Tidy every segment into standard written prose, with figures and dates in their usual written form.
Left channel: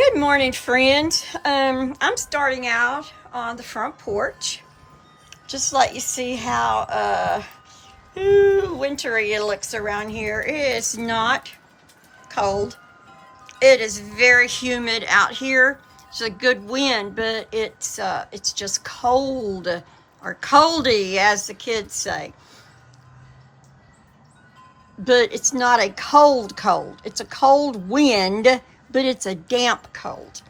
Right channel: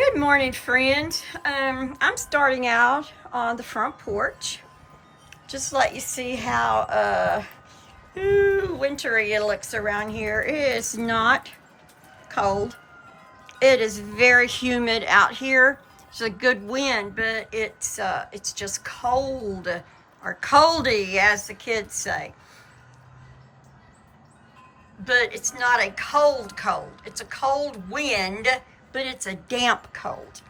Good morning, friends. I'm starting out on the front porch. Just let you see how wintry it looks around here. It is not cold. It is very humid out here. It's a good wind, but it's just cold, or coldy, as the kids say. But it's not a cold. It's a cold wind, but it's a damp cold.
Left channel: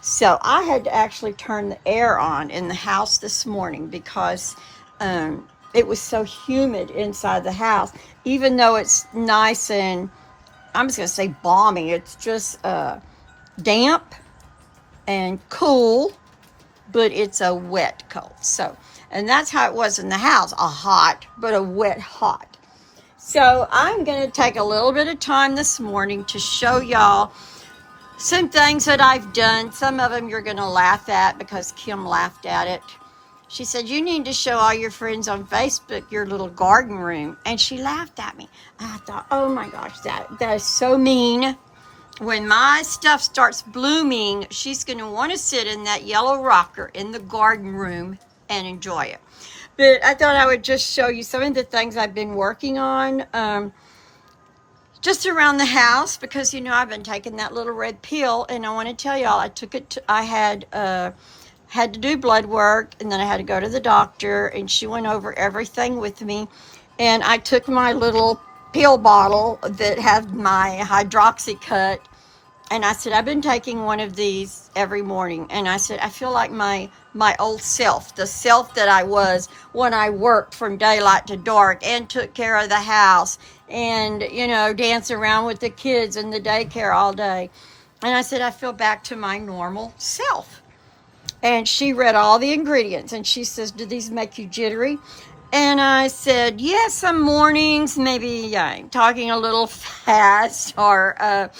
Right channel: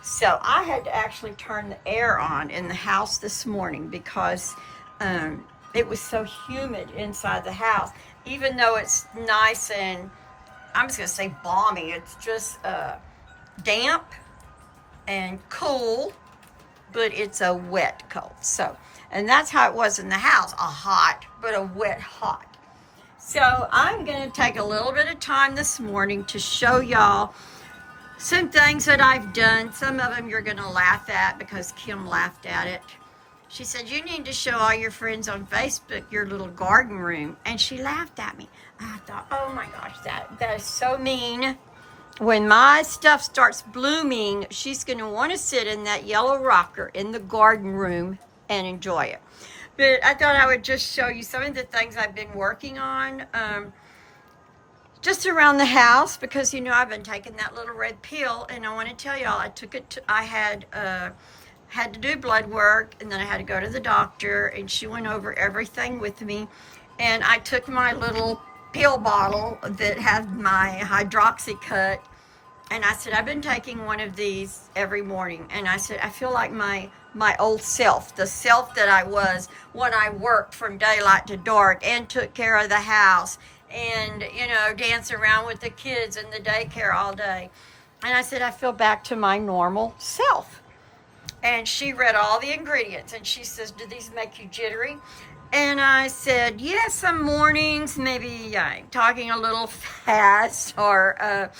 So I had to actually turn the air on in the house this morning because it was so humid inside the house. Even though it's nice and, I'm just going to say balmy, it's just damp and cool, but it's a wet cold. So, and that's how it was in the house, a hot, but a wet hot. So I'm going to take a little bit of time this morning to show y'all some things that I've done. Some of them you're going to laugh at because Kim laughed at it. She said, you need to show all your friends on Facebook your little garden room. And she laughed at me. I thought, oh my gosh, that is so mean. When my stuff starts blooming, she's going to want to sit in that yellow rocker in the garden room and enjoy it. But I thought I would just show you some of the things I've been working on. Just around the house, because I've been taking that little red pill, and I want to tell y'all, I had to do blood work, and then I had to go to the doctor, and she went over everything with me, and I took my little pill bottle that had my hydroxy cut, and I said, I've been taking one of these every morning, and I said, I feel like my old self, the self that I was when I worked from daylight to dark and took care of the house and, dance around with the kids in the daycare all day. And I said, I feel back to my normal self. And she read all the ingredients, and she says, do these make you jittery? And I said, yes, some mornings, maybe talking a little fast, or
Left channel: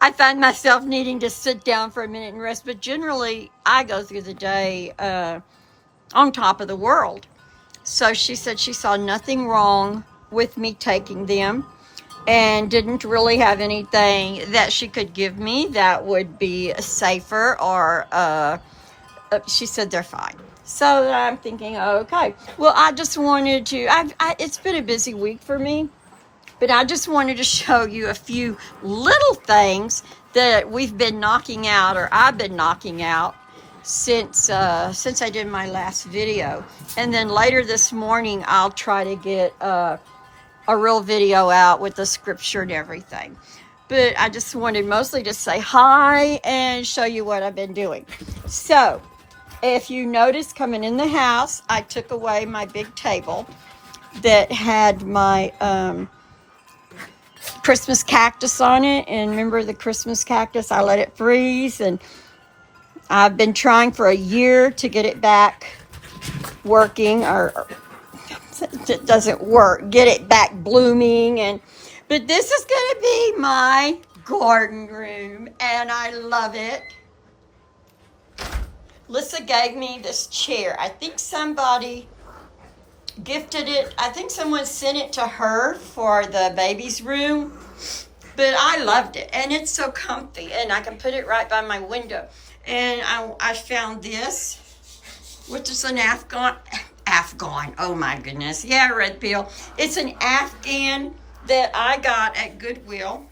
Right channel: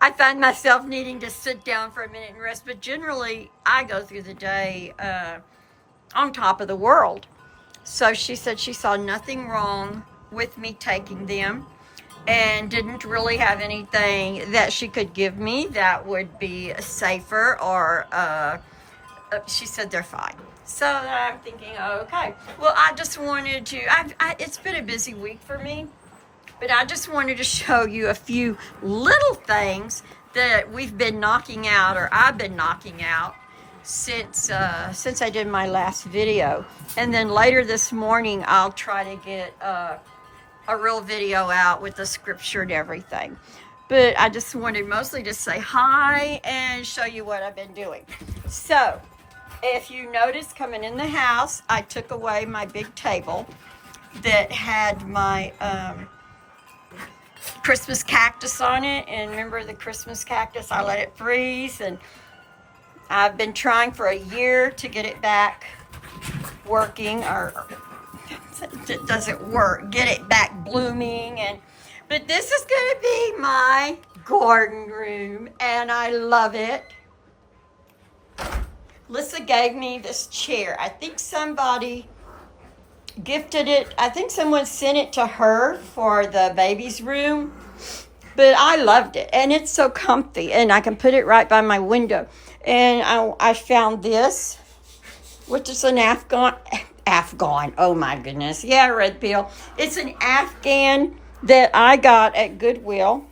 I find myself needing to sit down for a minute and rest. But generally, I go through the day on top of the world. So she said she saw nothing wrong with me taking them, and didn't really have anything that she could give me that would be safer, or she said they're fine. So I'm thinking, okay, well, I just wanted to, it's been a busy week for me, but I just wanted to show you a few little things that we've been knocking out, or I've been knocking out since I did my last video. And then later this morning, I'll try to get a real video out with the scripture and everything. But I just wanted mostly to say hi and show you what I've been doing. So if you notice, coming in the house, I took away my big table that had my Christmas cactus on it. And remember the Christmas cactus? I let it freeze, and I've been trying for a year to get it back working, or it doesn't work, get it back blooming. But this is going to be my garden room, and I love it. Lisa gave me this chair. I think somebody gifted it. I think someone sent it to her for the baby's room, but I loved it, and it's so comfy, and I can put it right by my window. And I found this, which is an Afghan, oh my goodness, yeah, red pill. It's an Afghan that I got at Goodwill,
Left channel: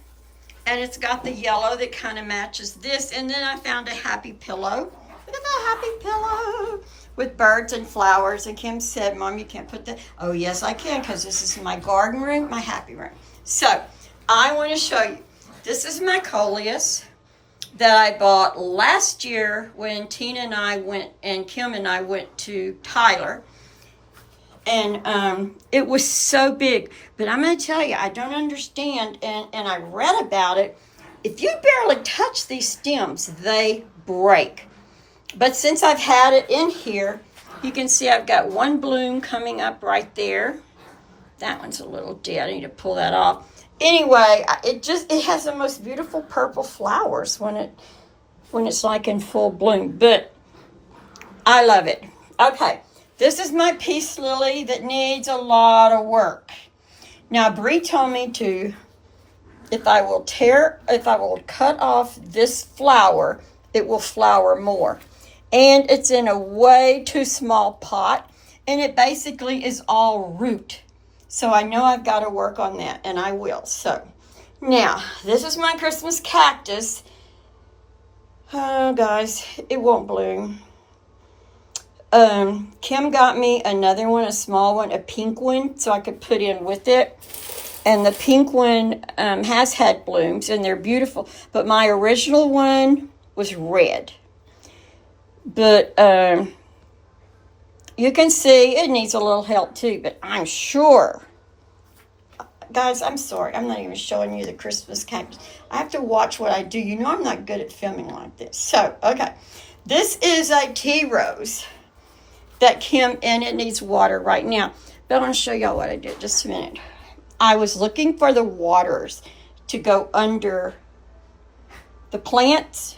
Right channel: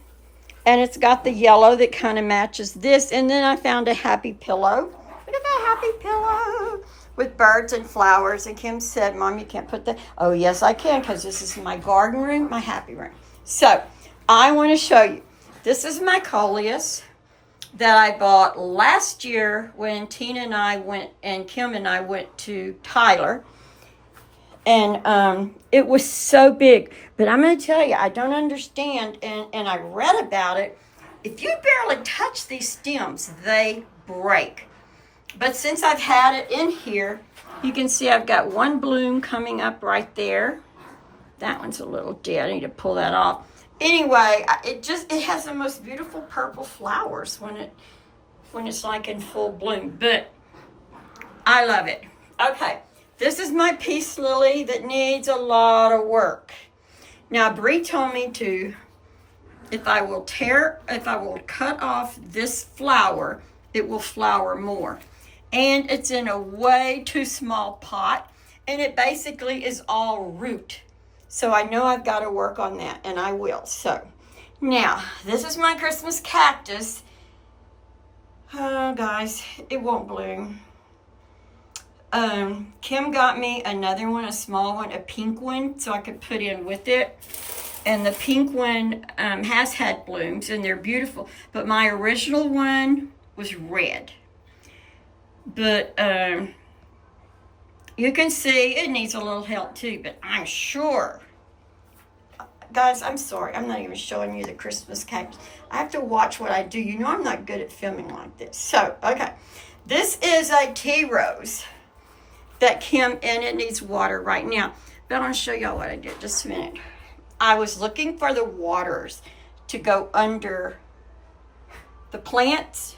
and it's got the yellow that kind of matches this. And then I found a happy pillow. Look at that happy pillow with birds and flowers. And Kim said, Mom, you can't put that. Oh, yes, I can, because this is my garden room, my happy room. So I want to show you. This is my coleus that I bought last year when Tina and I went, and Kim and I went to Tyler. And it was so big. But I'm going to tell you, I don't understand. And I read about it. If you barely touch these stems, they break. But since I've had it in here, you can see I've got one bloom coming up right there. That one's a little dead. I need to pull that off. Anyway, it has the most beautiful purple flowers when it's like in full bloom. But I love it. Okay, this is my peace lily that needs a lot of work. Now, Bree told me to if I will cut off this flower, it will flower more. And it's in a way too small pot, and it basically is all root. So I know I've got to work on that, and I will. So now, this is my Christmas cactus. Oh, guys, it won't bloom. Kim got me another one, a small one, a pink one, so I could put in with it. And the pink one has had blooms, and they're beautiful. But my original one was red. But you can see it needs a little help too, but I'm sure. Guys, I'm sorry. I'm not even showing you the Christmas cactus. I have to watch what I do. You know I'm not good at filming like this. So, okay. This is a tea rose that Kim, and it needs water right now. But I want to show y'all what I did. Just a minute. I was looking for the waters to go under the plants,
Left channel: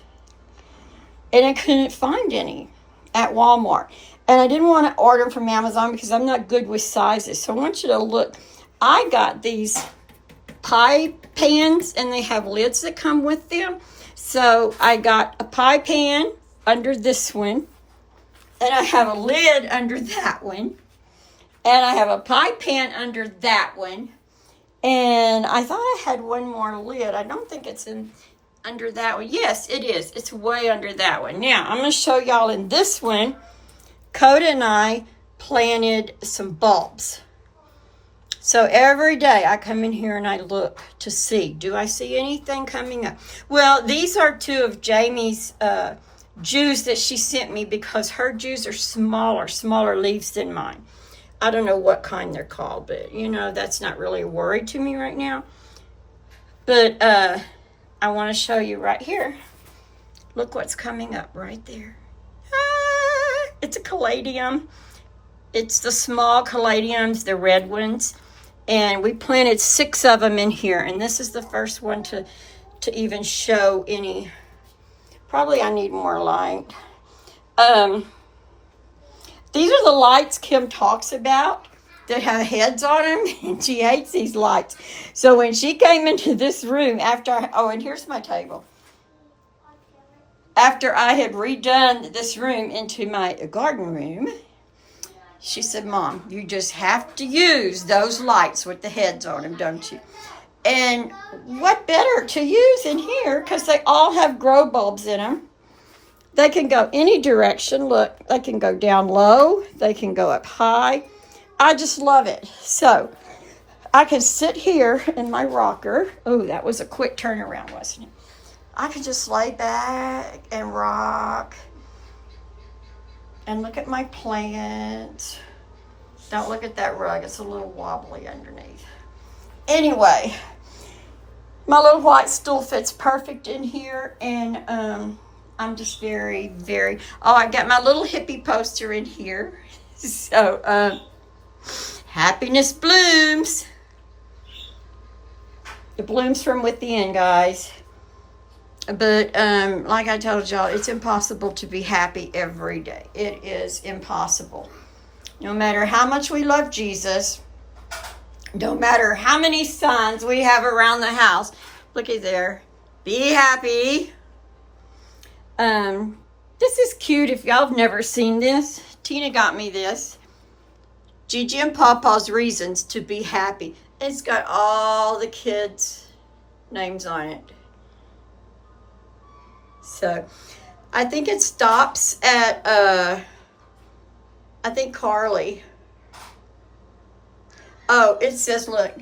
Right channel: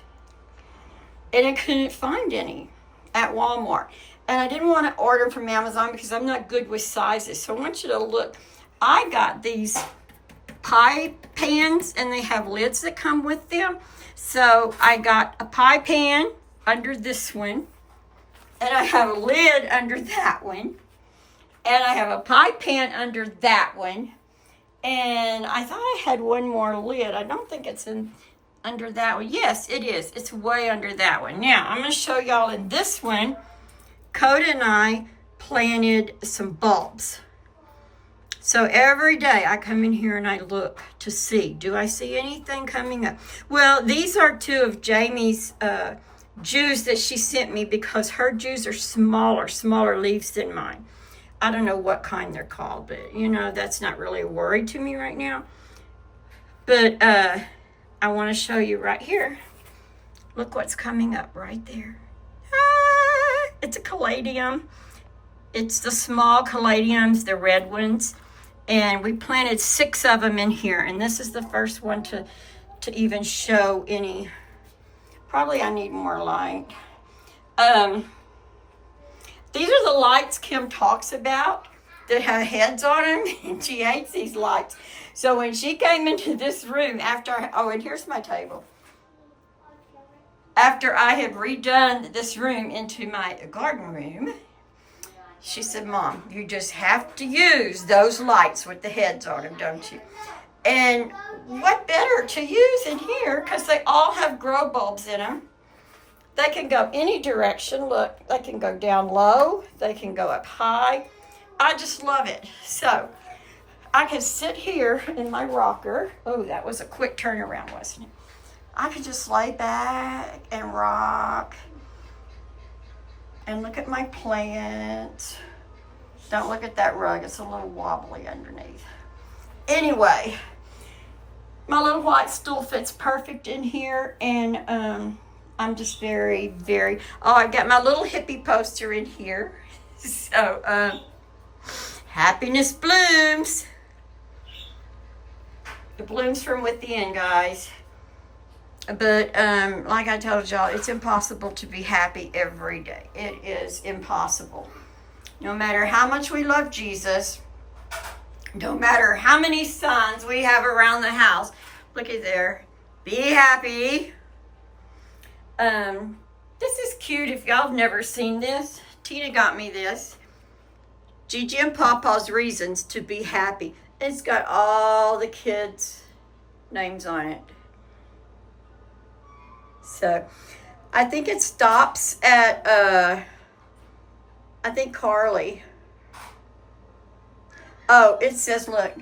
and I couldn't find any at Walmart. And I didn't want to order from Amazon because I'm not good with sizes. So I want you to look. I got these pie pans, and they have lids that come with them. So I got a pie pan under this one, and I have a lid under that one, and I have a pie pan under that one, and I thought I had one more lid. I don't think it's under that one. Yes, it is. It's way under that one. Now, I'm going to show y'all in this one, Coda and I planted some bulbs. So every day I come in here and I look to see, do I see anything coming up? Well, these are two of Jamie's Jews that she sent me because her Jews are smaller leaves than mine. I don't know what kind they're called, but you know, that's not really a worry to me right now. But I want to show you right here. Look what's coming up right there. Ah, it's a caladium. It's the small caladiums, the red ones. And we planted 6 of them in here. And this is the first one to even show any. Probably I need more light. These are the lights Kim talks about that have heads on them. And she hates these lights. So when she came into this room and here's my table. After I had redone this room into my garden room, she said, Mom, you just have to use those lights with the heads on them, don't you? And what better to use in here, because they all have grow bulbs in them. They can go any direction. Look, they can go down low. They can go up high. I just love it. So I can sit here in my rocker. Oh, that was a quick turnaround, wasn't it? I can just lay back and rock and look at my plant. Don't look at that rug. It's a little wobbly underneath. Anyway, my little white stool fits perfect in here. And I'm just very, very... Oh, I got my little hippie poster in here. So, happiness blooms. It blooms from within, guys. But like I told y'all, it's impossible to be happy every day. It is impossible. No matter how much we love Jesus, no matter how many signs we have around the house. Looky there. Be happy. This is cute. If y'all have never seen this, Tina got me this. Gigi and Papa's Reasons to Be Happy. It's got all the kids' names on it. So, I think it stops at, I think Carly. Oh, it says, look,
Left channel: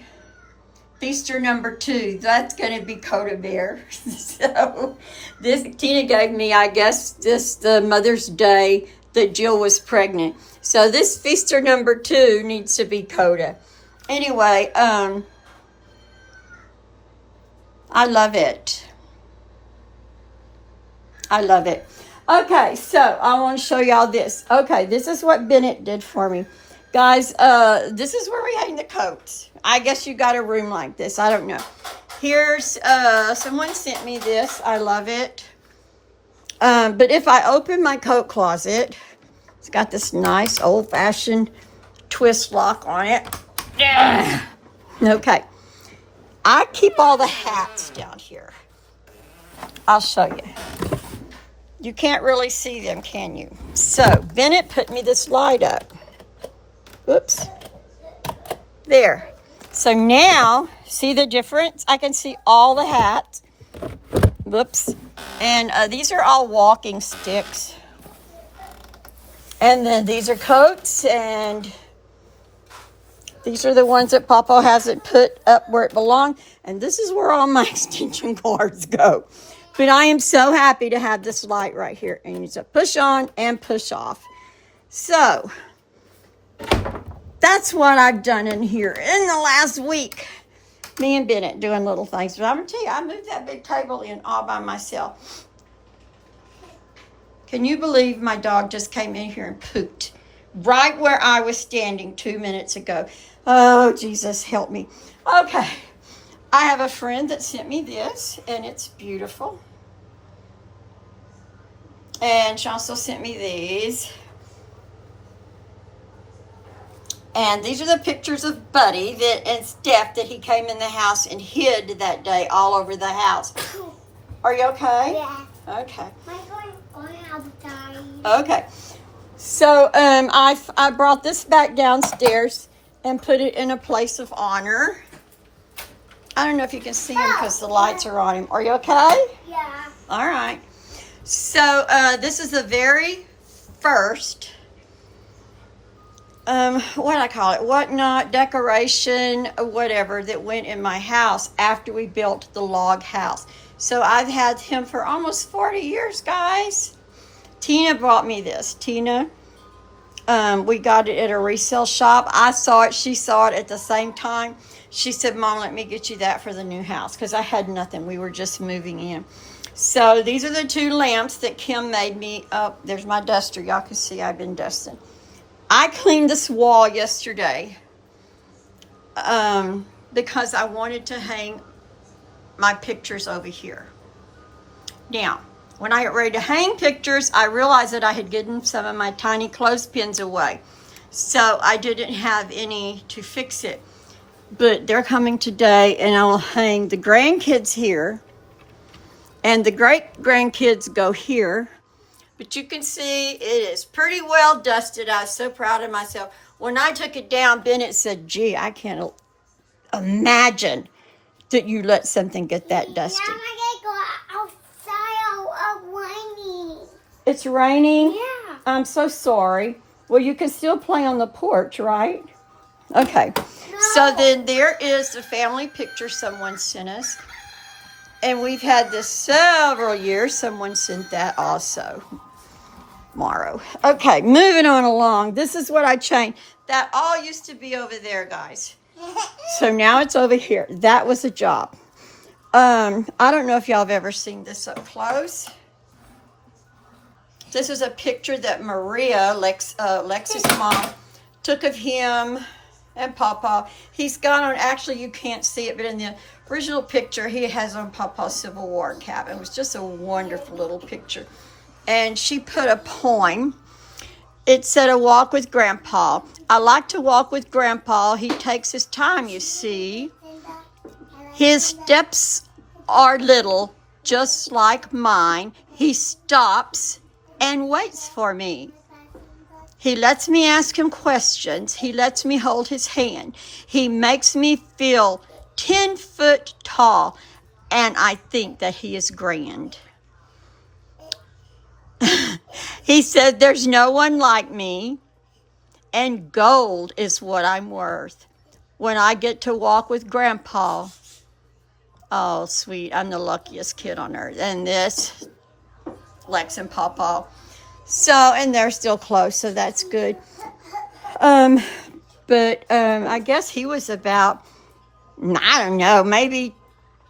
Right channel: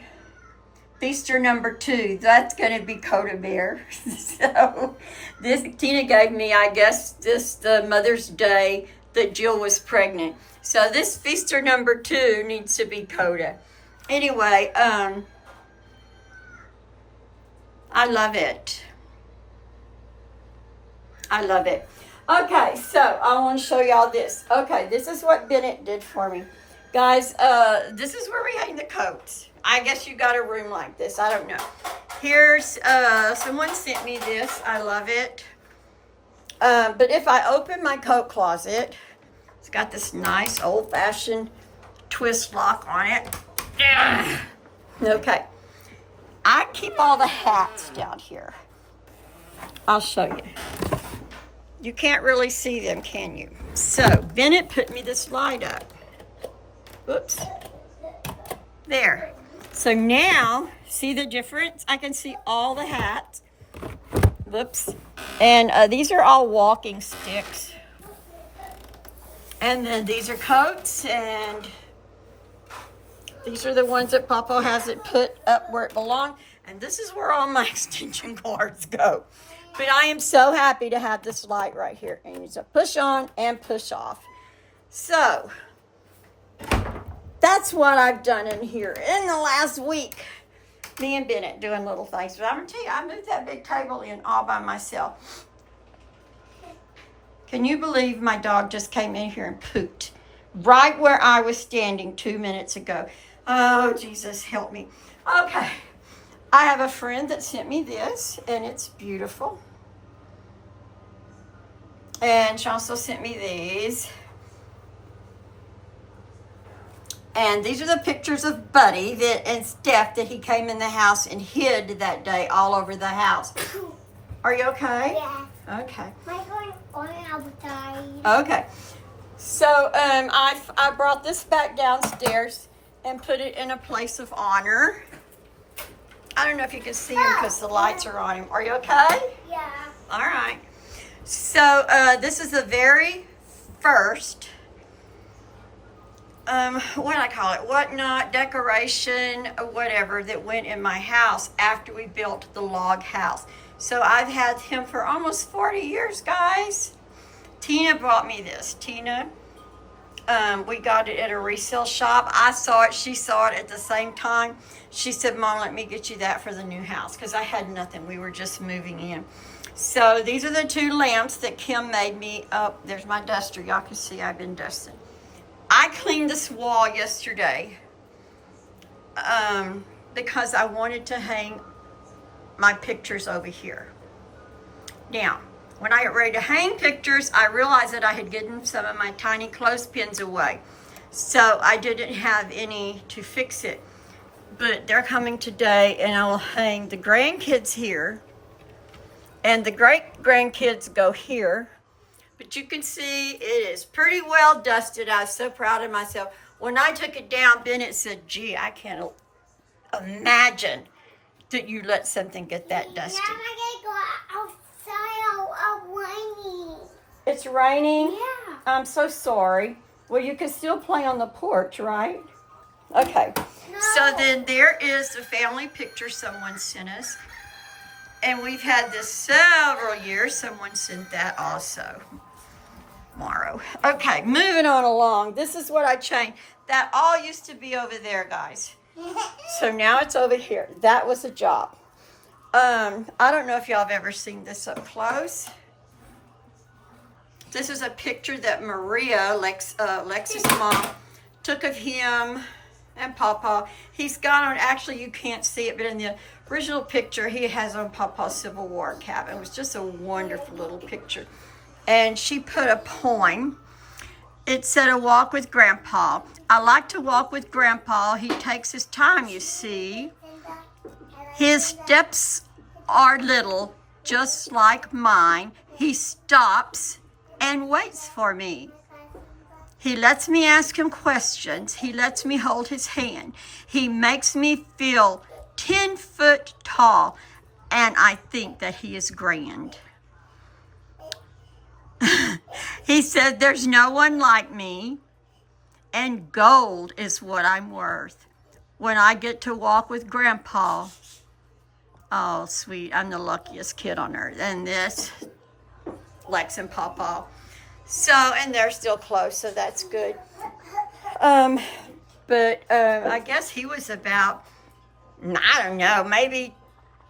Feaster number 2. That's going to be Coda Bear. So, this, Tina gave me, I guess, the Mother's Day that Jill was pregnant. So, this Feaster number 2 needs to be Coda. Anyway, I love it. I love it. Okay, so I want to show y'all this. Okay, this is what Bennett did for me. Guys, this is where we hang the coats. I guess you got a room like this. I don't know. Here's, someone sent me this. I love it. But if I open my coat closet, it's got this nice old-fashioned twist lock on it. Okay. I keep all the hats down here. I'll show you. You can't really see them, can you? So, Bennett put me this light up. Whoops. There. So now, see the difference? I can see all the hats. Whoops. And these are all walking sticks. And then these are coats, and these are the ones that Papa hasn't put up where it belongs. And this is where all my extension cords go. But I am so happy to have this light right here. And you just push on and push off. So, that's what I've done in here in the last week. Me and Bennett doing little things. But I'm going to tell you, I moved that big table in all by myself. Can you believe my dog just came in here and pooped right where I was standing 2 minutes ago? Oh, Jesus, help me. Okay. I have a friend that sent me this, and it's beautiful. And she also sent me these. And these are the pictures of Buddy and Steph that he came in the house and hid that day all over the house. Are you okay? Yeah. Okay. My going outside. Okay. So I brought this back downstairs and put it in a place of honor. I don't know if you can see him because the lights are on him. Are you okay? Yeah. All right. So this is the very first, what I call it, whatnot, decoration, whatever, that went in my house after we built the log house. So I've had him for almost 40 years, guys. Tina brought me this. Tina, we got it at a resale shop. I saw it. She saw it at the same time. She said, Mom, let me get you that for the new house, because I had nothing. We were just moving in. So these are the 2 lamps that Kim made me. Oh, there's my duster. Y'all can see I've been dusting. I cleaned this wall yesterday because I wanted to hang my pictures over here. Now, when I got ready to hang pictures, I realized that I had given some of my tiny clothespins away. So I didn't have any to fix it. But they're coming today, and I'll hang the grandkids here. And the great-grandkids go here. But you can see it is pretty well dusted. I was so proud of myself. When I took it down, Bennett said, gee, I can't imagine that you let something get that dusty. Now I'm going to go outside. It's raining. It's raining? Yeah. I'm so sorry. Well, you can still play on the porch, right? Okay. No. So then there is the family picture someone sent us. And we've had this several years. Someone sent that also. Morrow. Okay, moving on along. This is what I changed. That all used to be over there, guys. So now it's over here. That was a job. I don't know if y'all have ever seen this up close. This is a picture that Maria, Lex's mom, took of him and Papa. He's got on, actually you can't see it, but in the original picture, he has on Papa's Civil War cap. It was just a wonderful little picture. And she put a poem. It said, a walk with Grandpa. I like to walk with Grandpa. He takes his time, you see. His steps are little, just like mine. He stops and waits for me. He lets me ask him questions. He lets me hold his hand. He makes me feel 10 foot tall, and I think that he is grand. He said, there's no one like me, and gold is what I'm worth. When I get to walk with Grandpa, oh, sweet, I'm the luckiest kid on earth. And this, Lex and Papa. So, and they're still close, so that's good. But I guess he was about, I don't know, maybe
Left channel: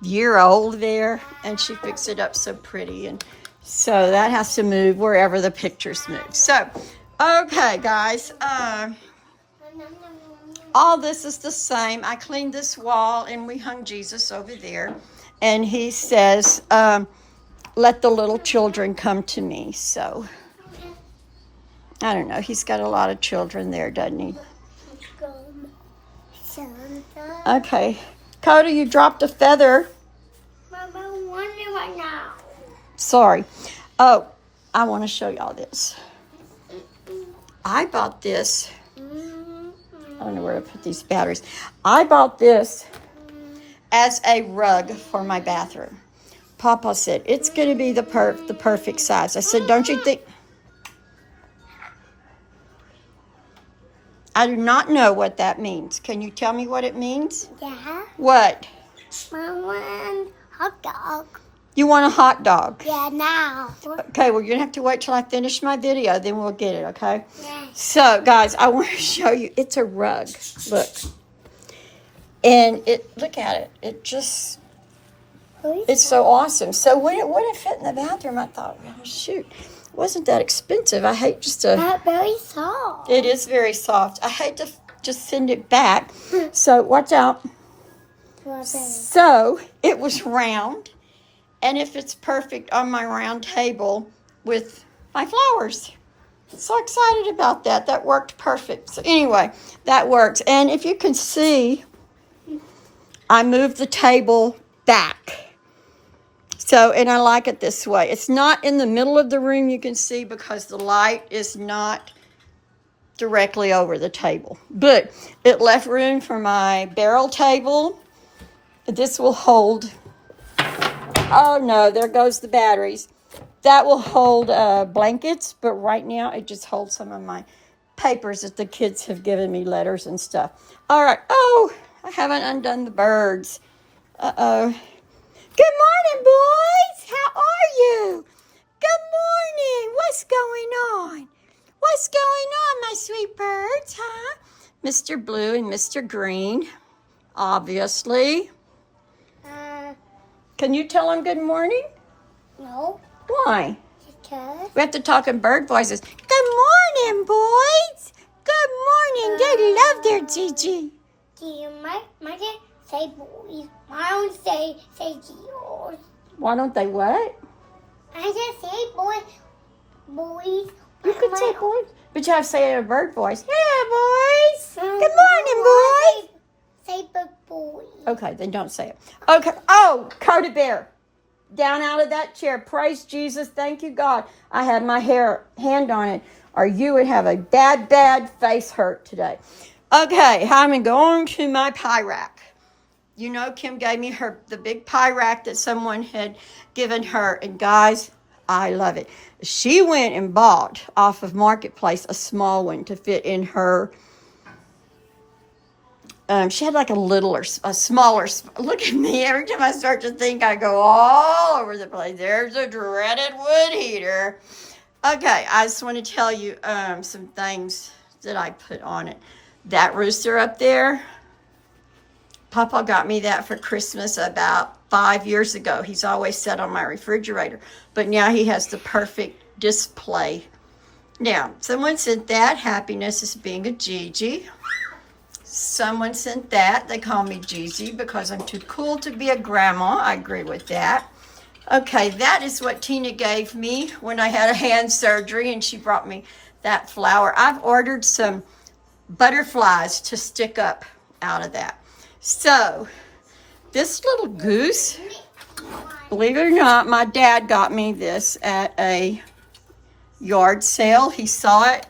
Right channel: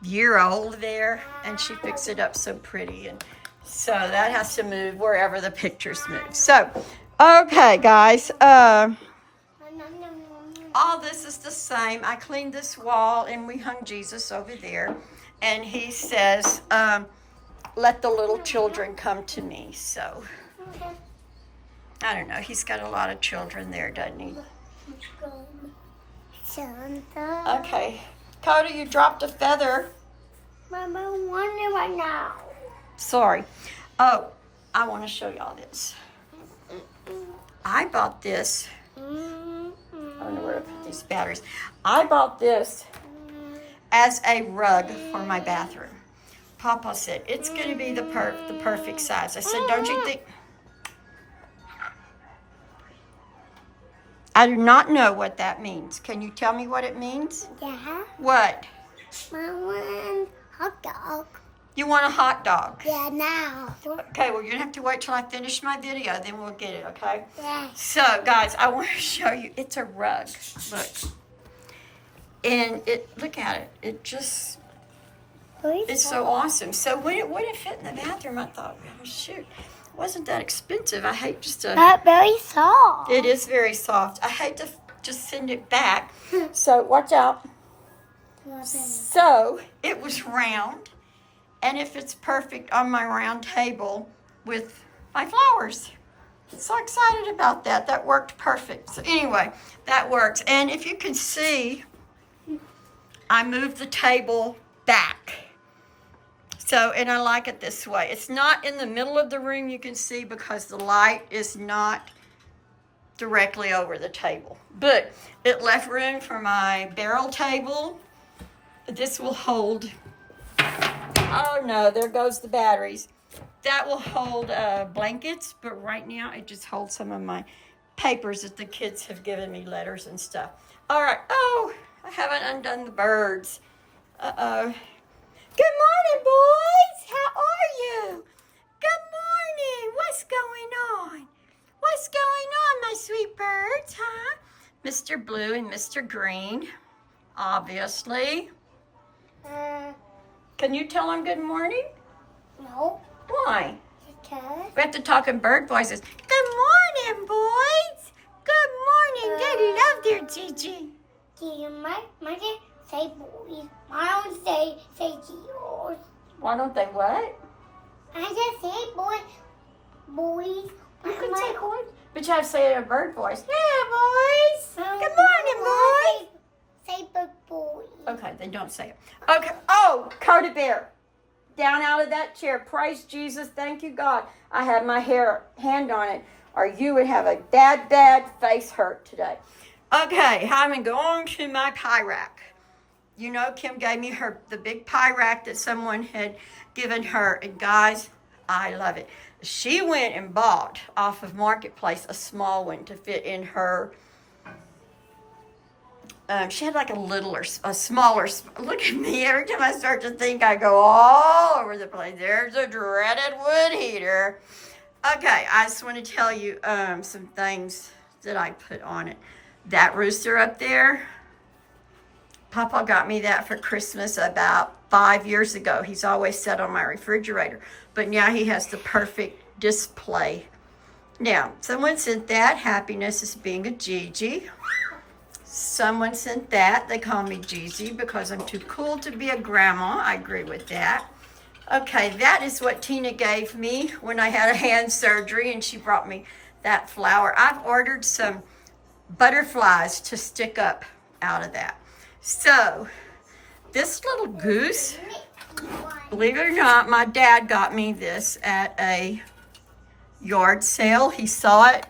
year old there, and she fixed it up so pretty. And so that has to move wherever the pictures move. So, okay, guys, all this is the same. I cleaned this wall, and we hung Jesus over there. And he says, let the little children come to me. So, I don't know. He's got a lot of children there, doesn't he? Santa. Okay. Coda, you dropped a feather. Mama, I'm wondering right now. Sorry. Oh, I want to show y'all this. I bought this. I don't know where to put these batteries. I bought this as a rug for my bathroom. Papa said, it's going to be the perfect size. I said, don't you think? I do not know what that means. Can you tell me what it means? Yeah. What? Mama, hot dog. You want a hot dog? Yeah, now. Okay, we're going to have to wait till I finish my video, then we'll get it, okay? Yeah. So, guys, I want to show you. It's a rug. Look. And look at it. It just, it's so awesome. So when it wouldn't fit in the bathroom, I thought, well, shoot, it wasn't that expensive. I hate just to. Not very soft. It is very soft. I hate to just send it back. So watch out. So it was round, and it fits perfect on my round table with my flowers. So excited about that. That worked perfect. So anyway, that works. And if you can see, I moved the table back. So, and I like it this way. It's not in the middle of the room, you can see, because the light is not directly over the table. But it left room for my barrel table. This will hold, oh no, there goes the batteries. That will hold blankets, but right now it just holds some of my papers that the kids have given me, letters and stuff. All right, oh, I haven't undone the birds. Uh-oh. Good morning, boys. How are you? Good morning. What's going on? What's going on, my sweet birds, huh? Mr. Blue and Mr. Green, obviously. Can you tell them good morning? No. Why? Because. We have to talk in bird voices. Good morning, boys. Good morning. They love their Gigi. My dad say boys. I don't say yours. Why don't they what? I just say boys. You can say boys, but you have to say it in a bird voice. Yeah, boys. Good morning, boys. Say boys. Okay, then don't say it. Okay. Oh, Coda Bear. Down out of that chair. Praise Jesus. Thank you, God. I had my hand on it, or you would have a bad face hurt today. Okay, I'm going to my pie rack. You know, Kim gave me the big pie rack that someone had given her. And guys, I love it. She went and bought off of Marketplace a small one to fit in her. She had like a smaller, look at me, every time I start to think, I go all over the place. There's a dreaded wood heater. Okay, I just want to tell you some things that I put on it. That rooster up there, Papa got me that for Christmas about 5 years ago. He's always sat on my refrigerator, but now he has the perfect display. Now, someone sent that. Happiness is being a Gigi. Someone sent that. They call me Gigi because I'm too cool to be a grandma. I agree with that. Okay, that is what Tina gave me when I had a hand surgery, and she brought me that flower. I've ordered some butterflies to stick up out of that. So, this little goose, believe it or not, my dad got me this at a yard sale. He saw it,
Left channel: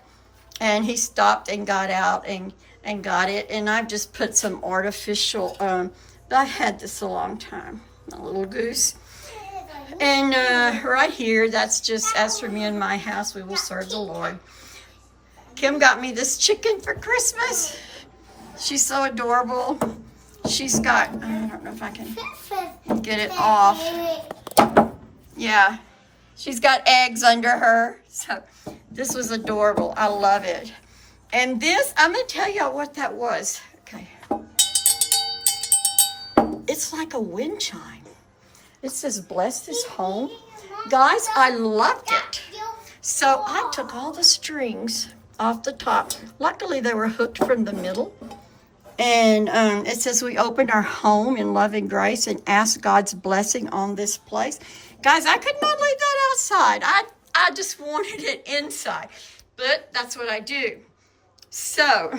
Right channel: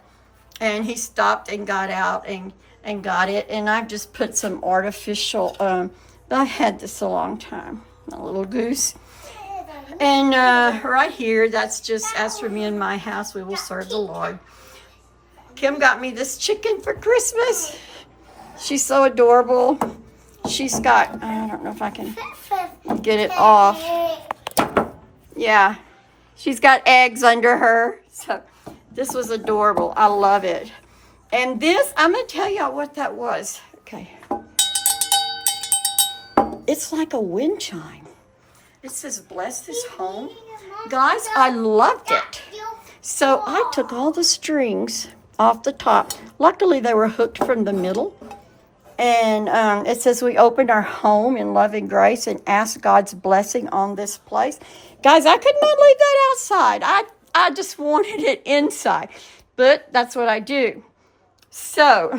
and he stopped and got out and got it. And I've just put some artificial, I've had this a long time, a little goose. And right here, that's just, as for me and my house, we will serve the Lord. Kim got me this chicken for Christmas. She's so adorable. She's got, I don't know if I can get it off. Yeah, she's got eggs under her. So this was adorable. I love it. And this, I'm going to tell y'all what that was. Okay. It's like a wind chime. It says, bless this home. Guys, I loved it. So I took all the strings off the top. Luckily, they were hooked from the middle. And it says, we opened our home in love and grace and asked God's blessing on this place. Guys, I could not leave that outside. I just wanted it inside. But that's what I do. So,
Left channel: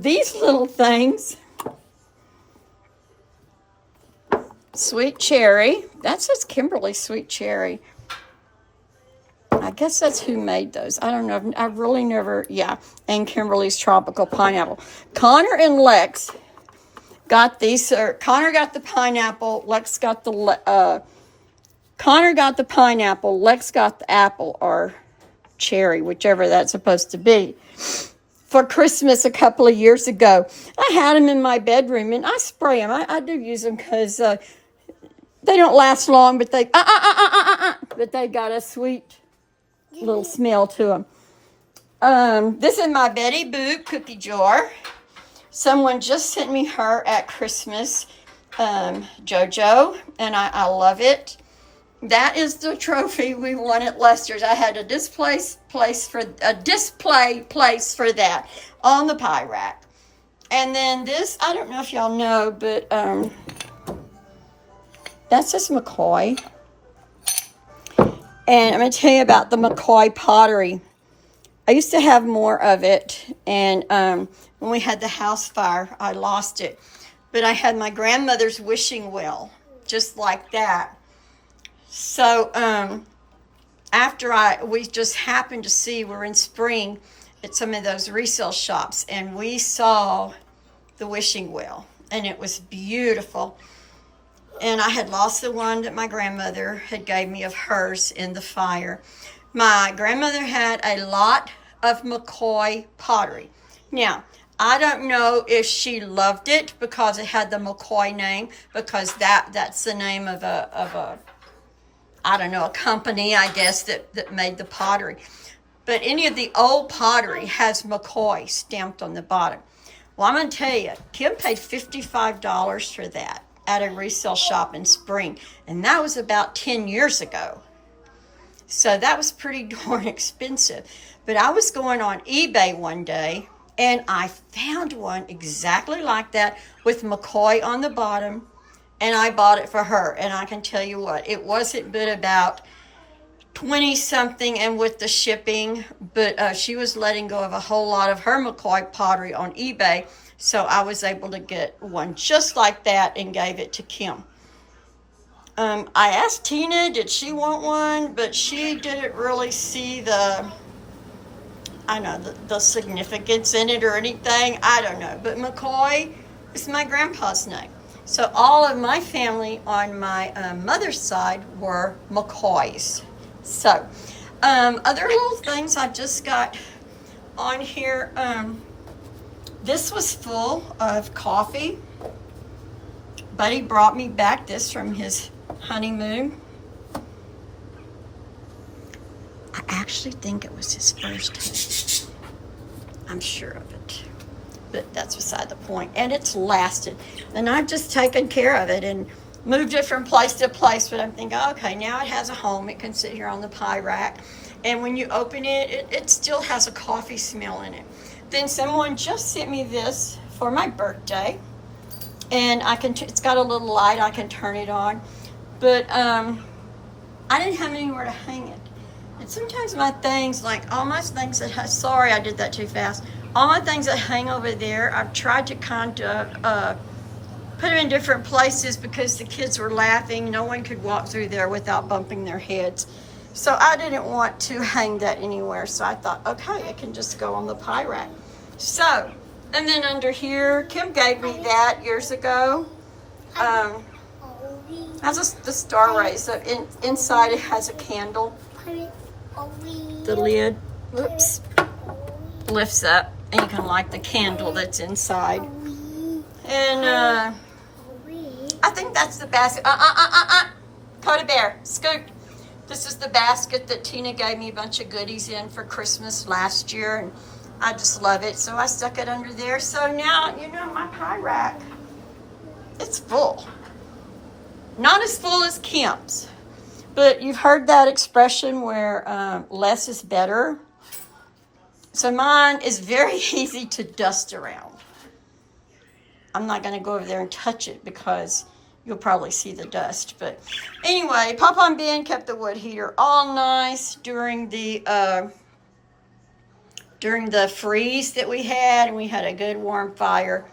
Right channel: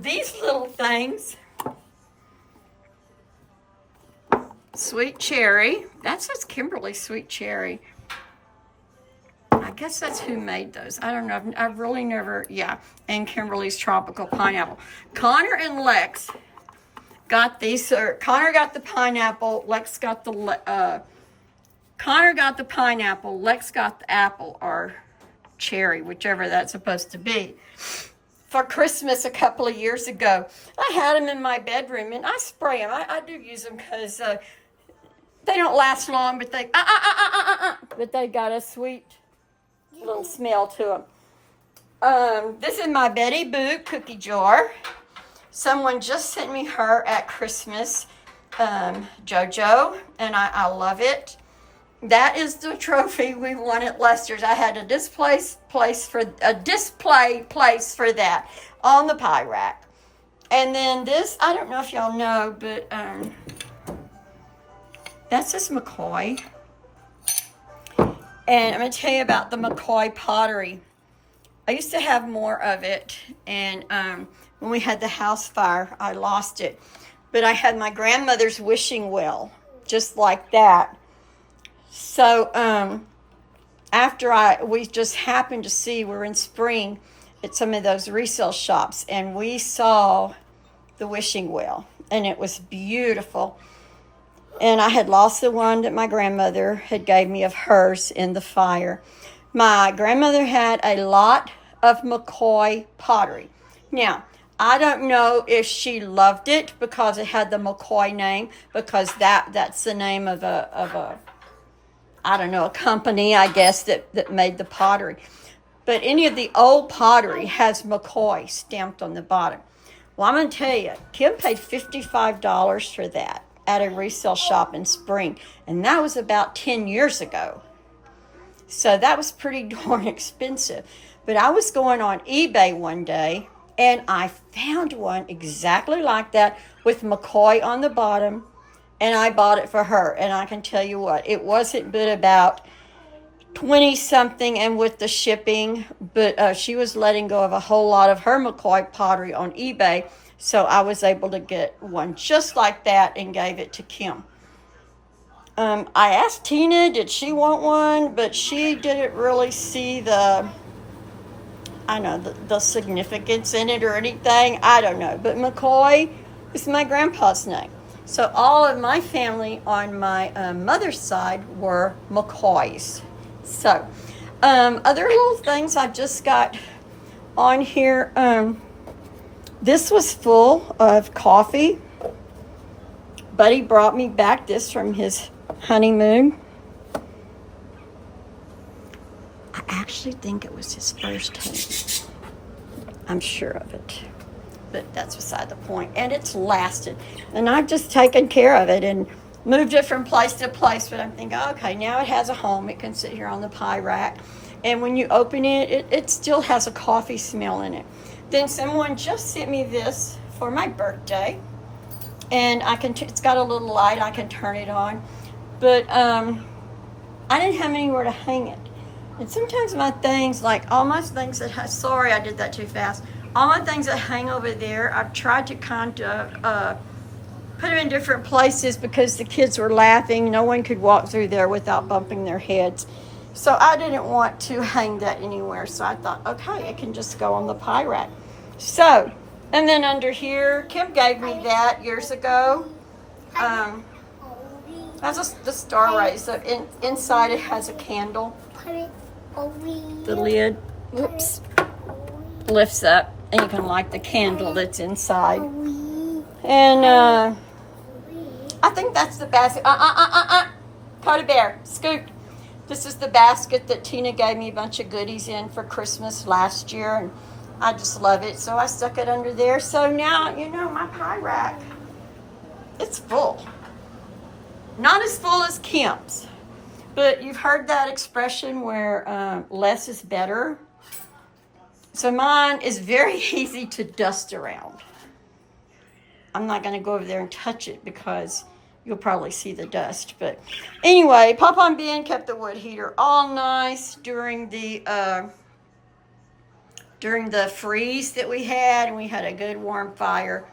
these little things, Sweet cherry. That says Kimberly sweet cherry. I guess that's who made those. I don't know. I've really never, yeah. And Kimberly's tropical pineapple. Connor and Lex got these. Connor got the pineapple. Lex got the, Connor got the pineapple. Lex got the apple or cherry, whichever that's supposed to be, for Christmas a couple of years ago. I had them in my bedroom, and I spray them. I do use them because they don't last long, but they got a sweet little smell to them. This is my Betty Boop cookie jar. Someone just sent me her at Christmas, JoJo, and I love it. That is the trophy we won at Lester's. I had a display place for that on the pie rack. And then this, I don't know if y'all know, but that's this McCoy. And I'm going to tell you about the McCoy pottery. I used to have more of it, and when we had the house fire, I lost it. But I had my grandmother's wishing well, just like that. So after we just happened to see, we're in spring at some of those resale shops, and we saw the wishing well, and it was beautiful. And I had lost the one that my grandmother had gave me of hers in the fire. My grandmother had a lot of McCoy pottery. Now, I don't know if she loved it because it had the McCoy name, because that's the name of a I don't know, a company, I guess, that made the pottery. But any of the old pottery has McCoy stamped on the bottom. Well, I'm going to tell you, Kim paid $55 for that at a resale shop in Spring, and that was about 10 years ago. So that was pretty darn expensive. But I was going on eBay one day, and I found one exactly like that with McCoy on the bottom, and I bought it for her. And I can tell you what, it wasn't but about 20 something, and with the shipping, but she was letting go of a whole lot of her McCoy pottery on eBay, so I was able to get one just like that and gave it to Kim. I asked Tina, did she want one, but she didn't really see the significance in it or anything. I don't know, but McCoy is my grandpa's name. So all of my family on my mother's side were McCoys. So, other little things I just got on here. This was full of coffee. Buddy brought me back this from his honeymoon. I actually think it was his first honeymoon. I'm sure of it. But that's beside the point. And it's lasted. And I've just taken care of it and moved it from place to place. But I'm thinking, okay, now it has a home. It can sit here on the pie rack. And when you open it, it still has a coffee smell in it. Then someone just sent me this for my birthday. And it's got a little light. I can turn it on. But I didn't have anywhere to hang it. And sometimes my things, like all my things sorry, I did that too fast. All my things that hang over there, I've tried to kind of put them in different places because the kids were laughing. No one could walk through there without bumping their heads. So I didn't want to hang that anywhere. So I thought, okay, it can just go on the pie rack. So, and then under here, Kim gave me that years ago. That's the star rays. So inside it has a candle. The lid, whoops, lifts up, and you can light the candle that's inside. And I think that's the basket. Cody Bear, scoot. This is the basket that Tina gave me a bunch of goodies in for Christmas last year, and I just love it. So I stuck it under there. So now, my pie rack, it's full. Not as full as Kim's. But you've heard that expression where less is better. So mine is very easy to dust around. I'm not going to go over there and touch it because you'll probably see the dust. But anyway, Papa and Ben kept the wood heater all nice during the freeze that we had. And we had a good warm fire.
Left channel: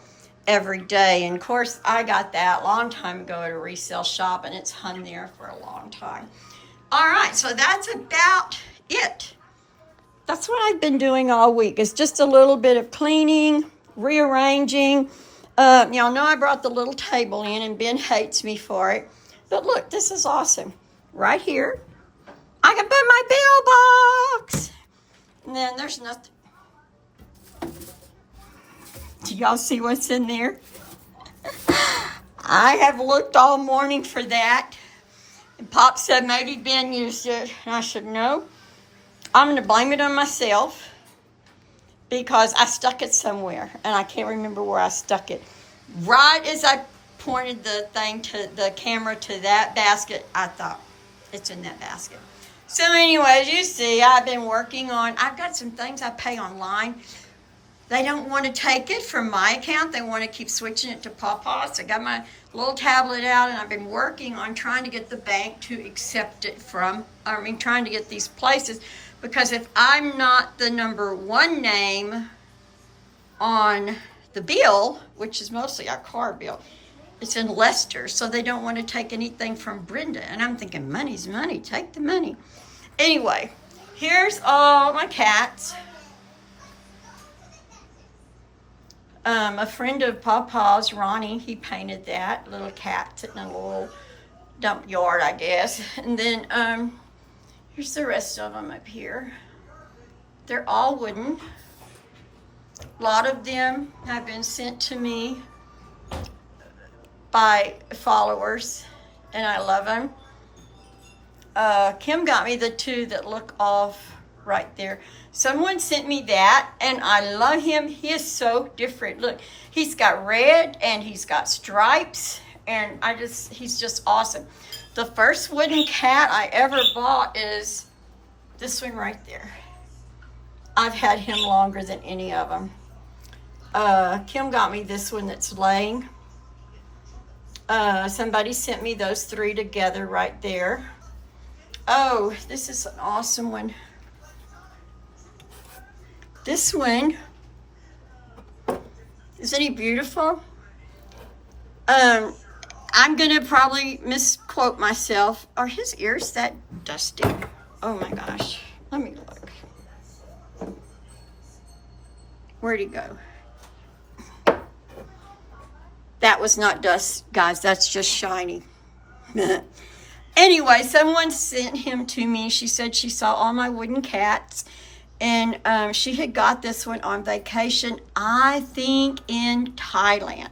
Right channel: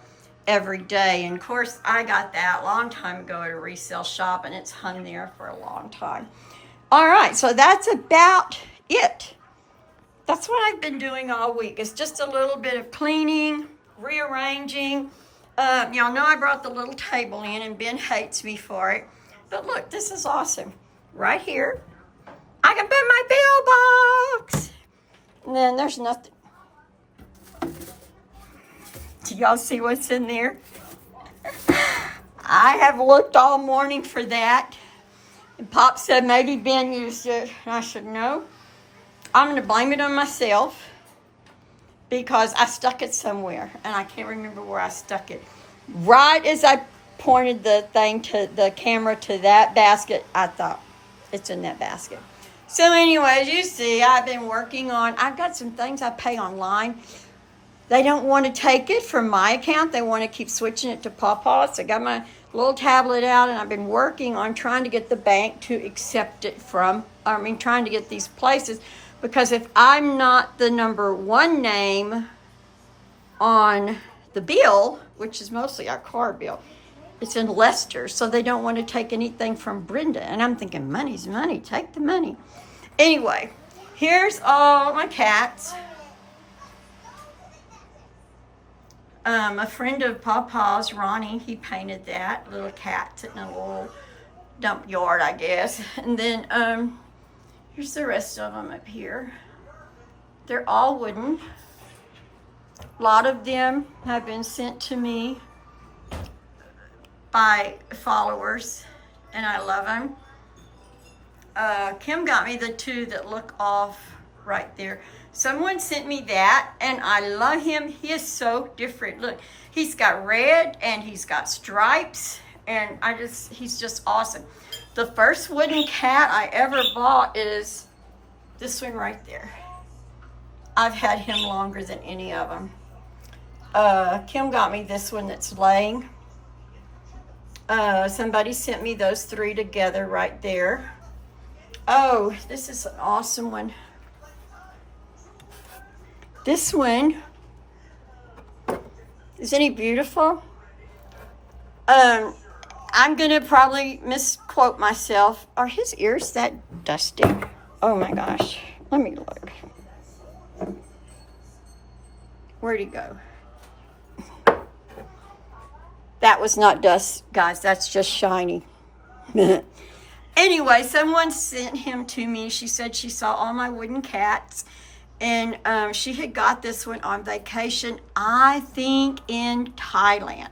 every day. And of course, I got that a long time ago at a resale shop, and it's hung there for a long time. All right, so that's about it. That's what I've been doing all week. It's just a little bit of cleaning, rearranging. Y'all know I brought the little table in, and Ben hates me for it. But look, this is awesome. Right here, I can put my bill box. And then there's nothing. Do y'all see what's in there? I have looked all morning for that. And Pop said maybe Ben used it. And I said, no. I'm going to blame it on myself because I stuck it somewhere. And I can't remember where I stuck it. Right as I pointed the camera to that basket, I thought, it's in that basket. So anyways, you see, I've been working on, I've got some things I pay online. They don't want to take it from my account. They want to keep switching it to Pawpaw. So I got my little tablet out, and I've been working on trying to get the bank to accept it trying to get these places. Because if I'm not the number one name on the bill, which is mostly our car bill, it's in Leicester, so they don't want to take anything from Brenda. And I'm thinking, money's money, take the money. Anyway, here's all my cats. A friend of Pawpaw's, Ronnie, he painted that little cat sitting in a little dump yard, I guess. And then here's the rest of them up here. They're all wooden. A lot of them have been sent to me by followers, and I love them. Kim got me the two that look off right there. Someone sent me that, and I love him. He is so different. Look, he's got red and he's got stripes, and he's just awesome. The first wooden cat I ever bought is this one right there. I've had him longer than any of them. Kim got me this one that's laying. Somebody sent me those three together right there. Oh, this is an awesome one. This one, isn't he beautiful? I'm gonna probably misquote myself. Are his ears that dusty? Oh my gosh, let me look. Where'd he go? That was not dust, guys, that's just shiny. Anyway, someone sent him to me. She said she saw all my wooden cats, and she had got this one on vacation, I think in Thailand.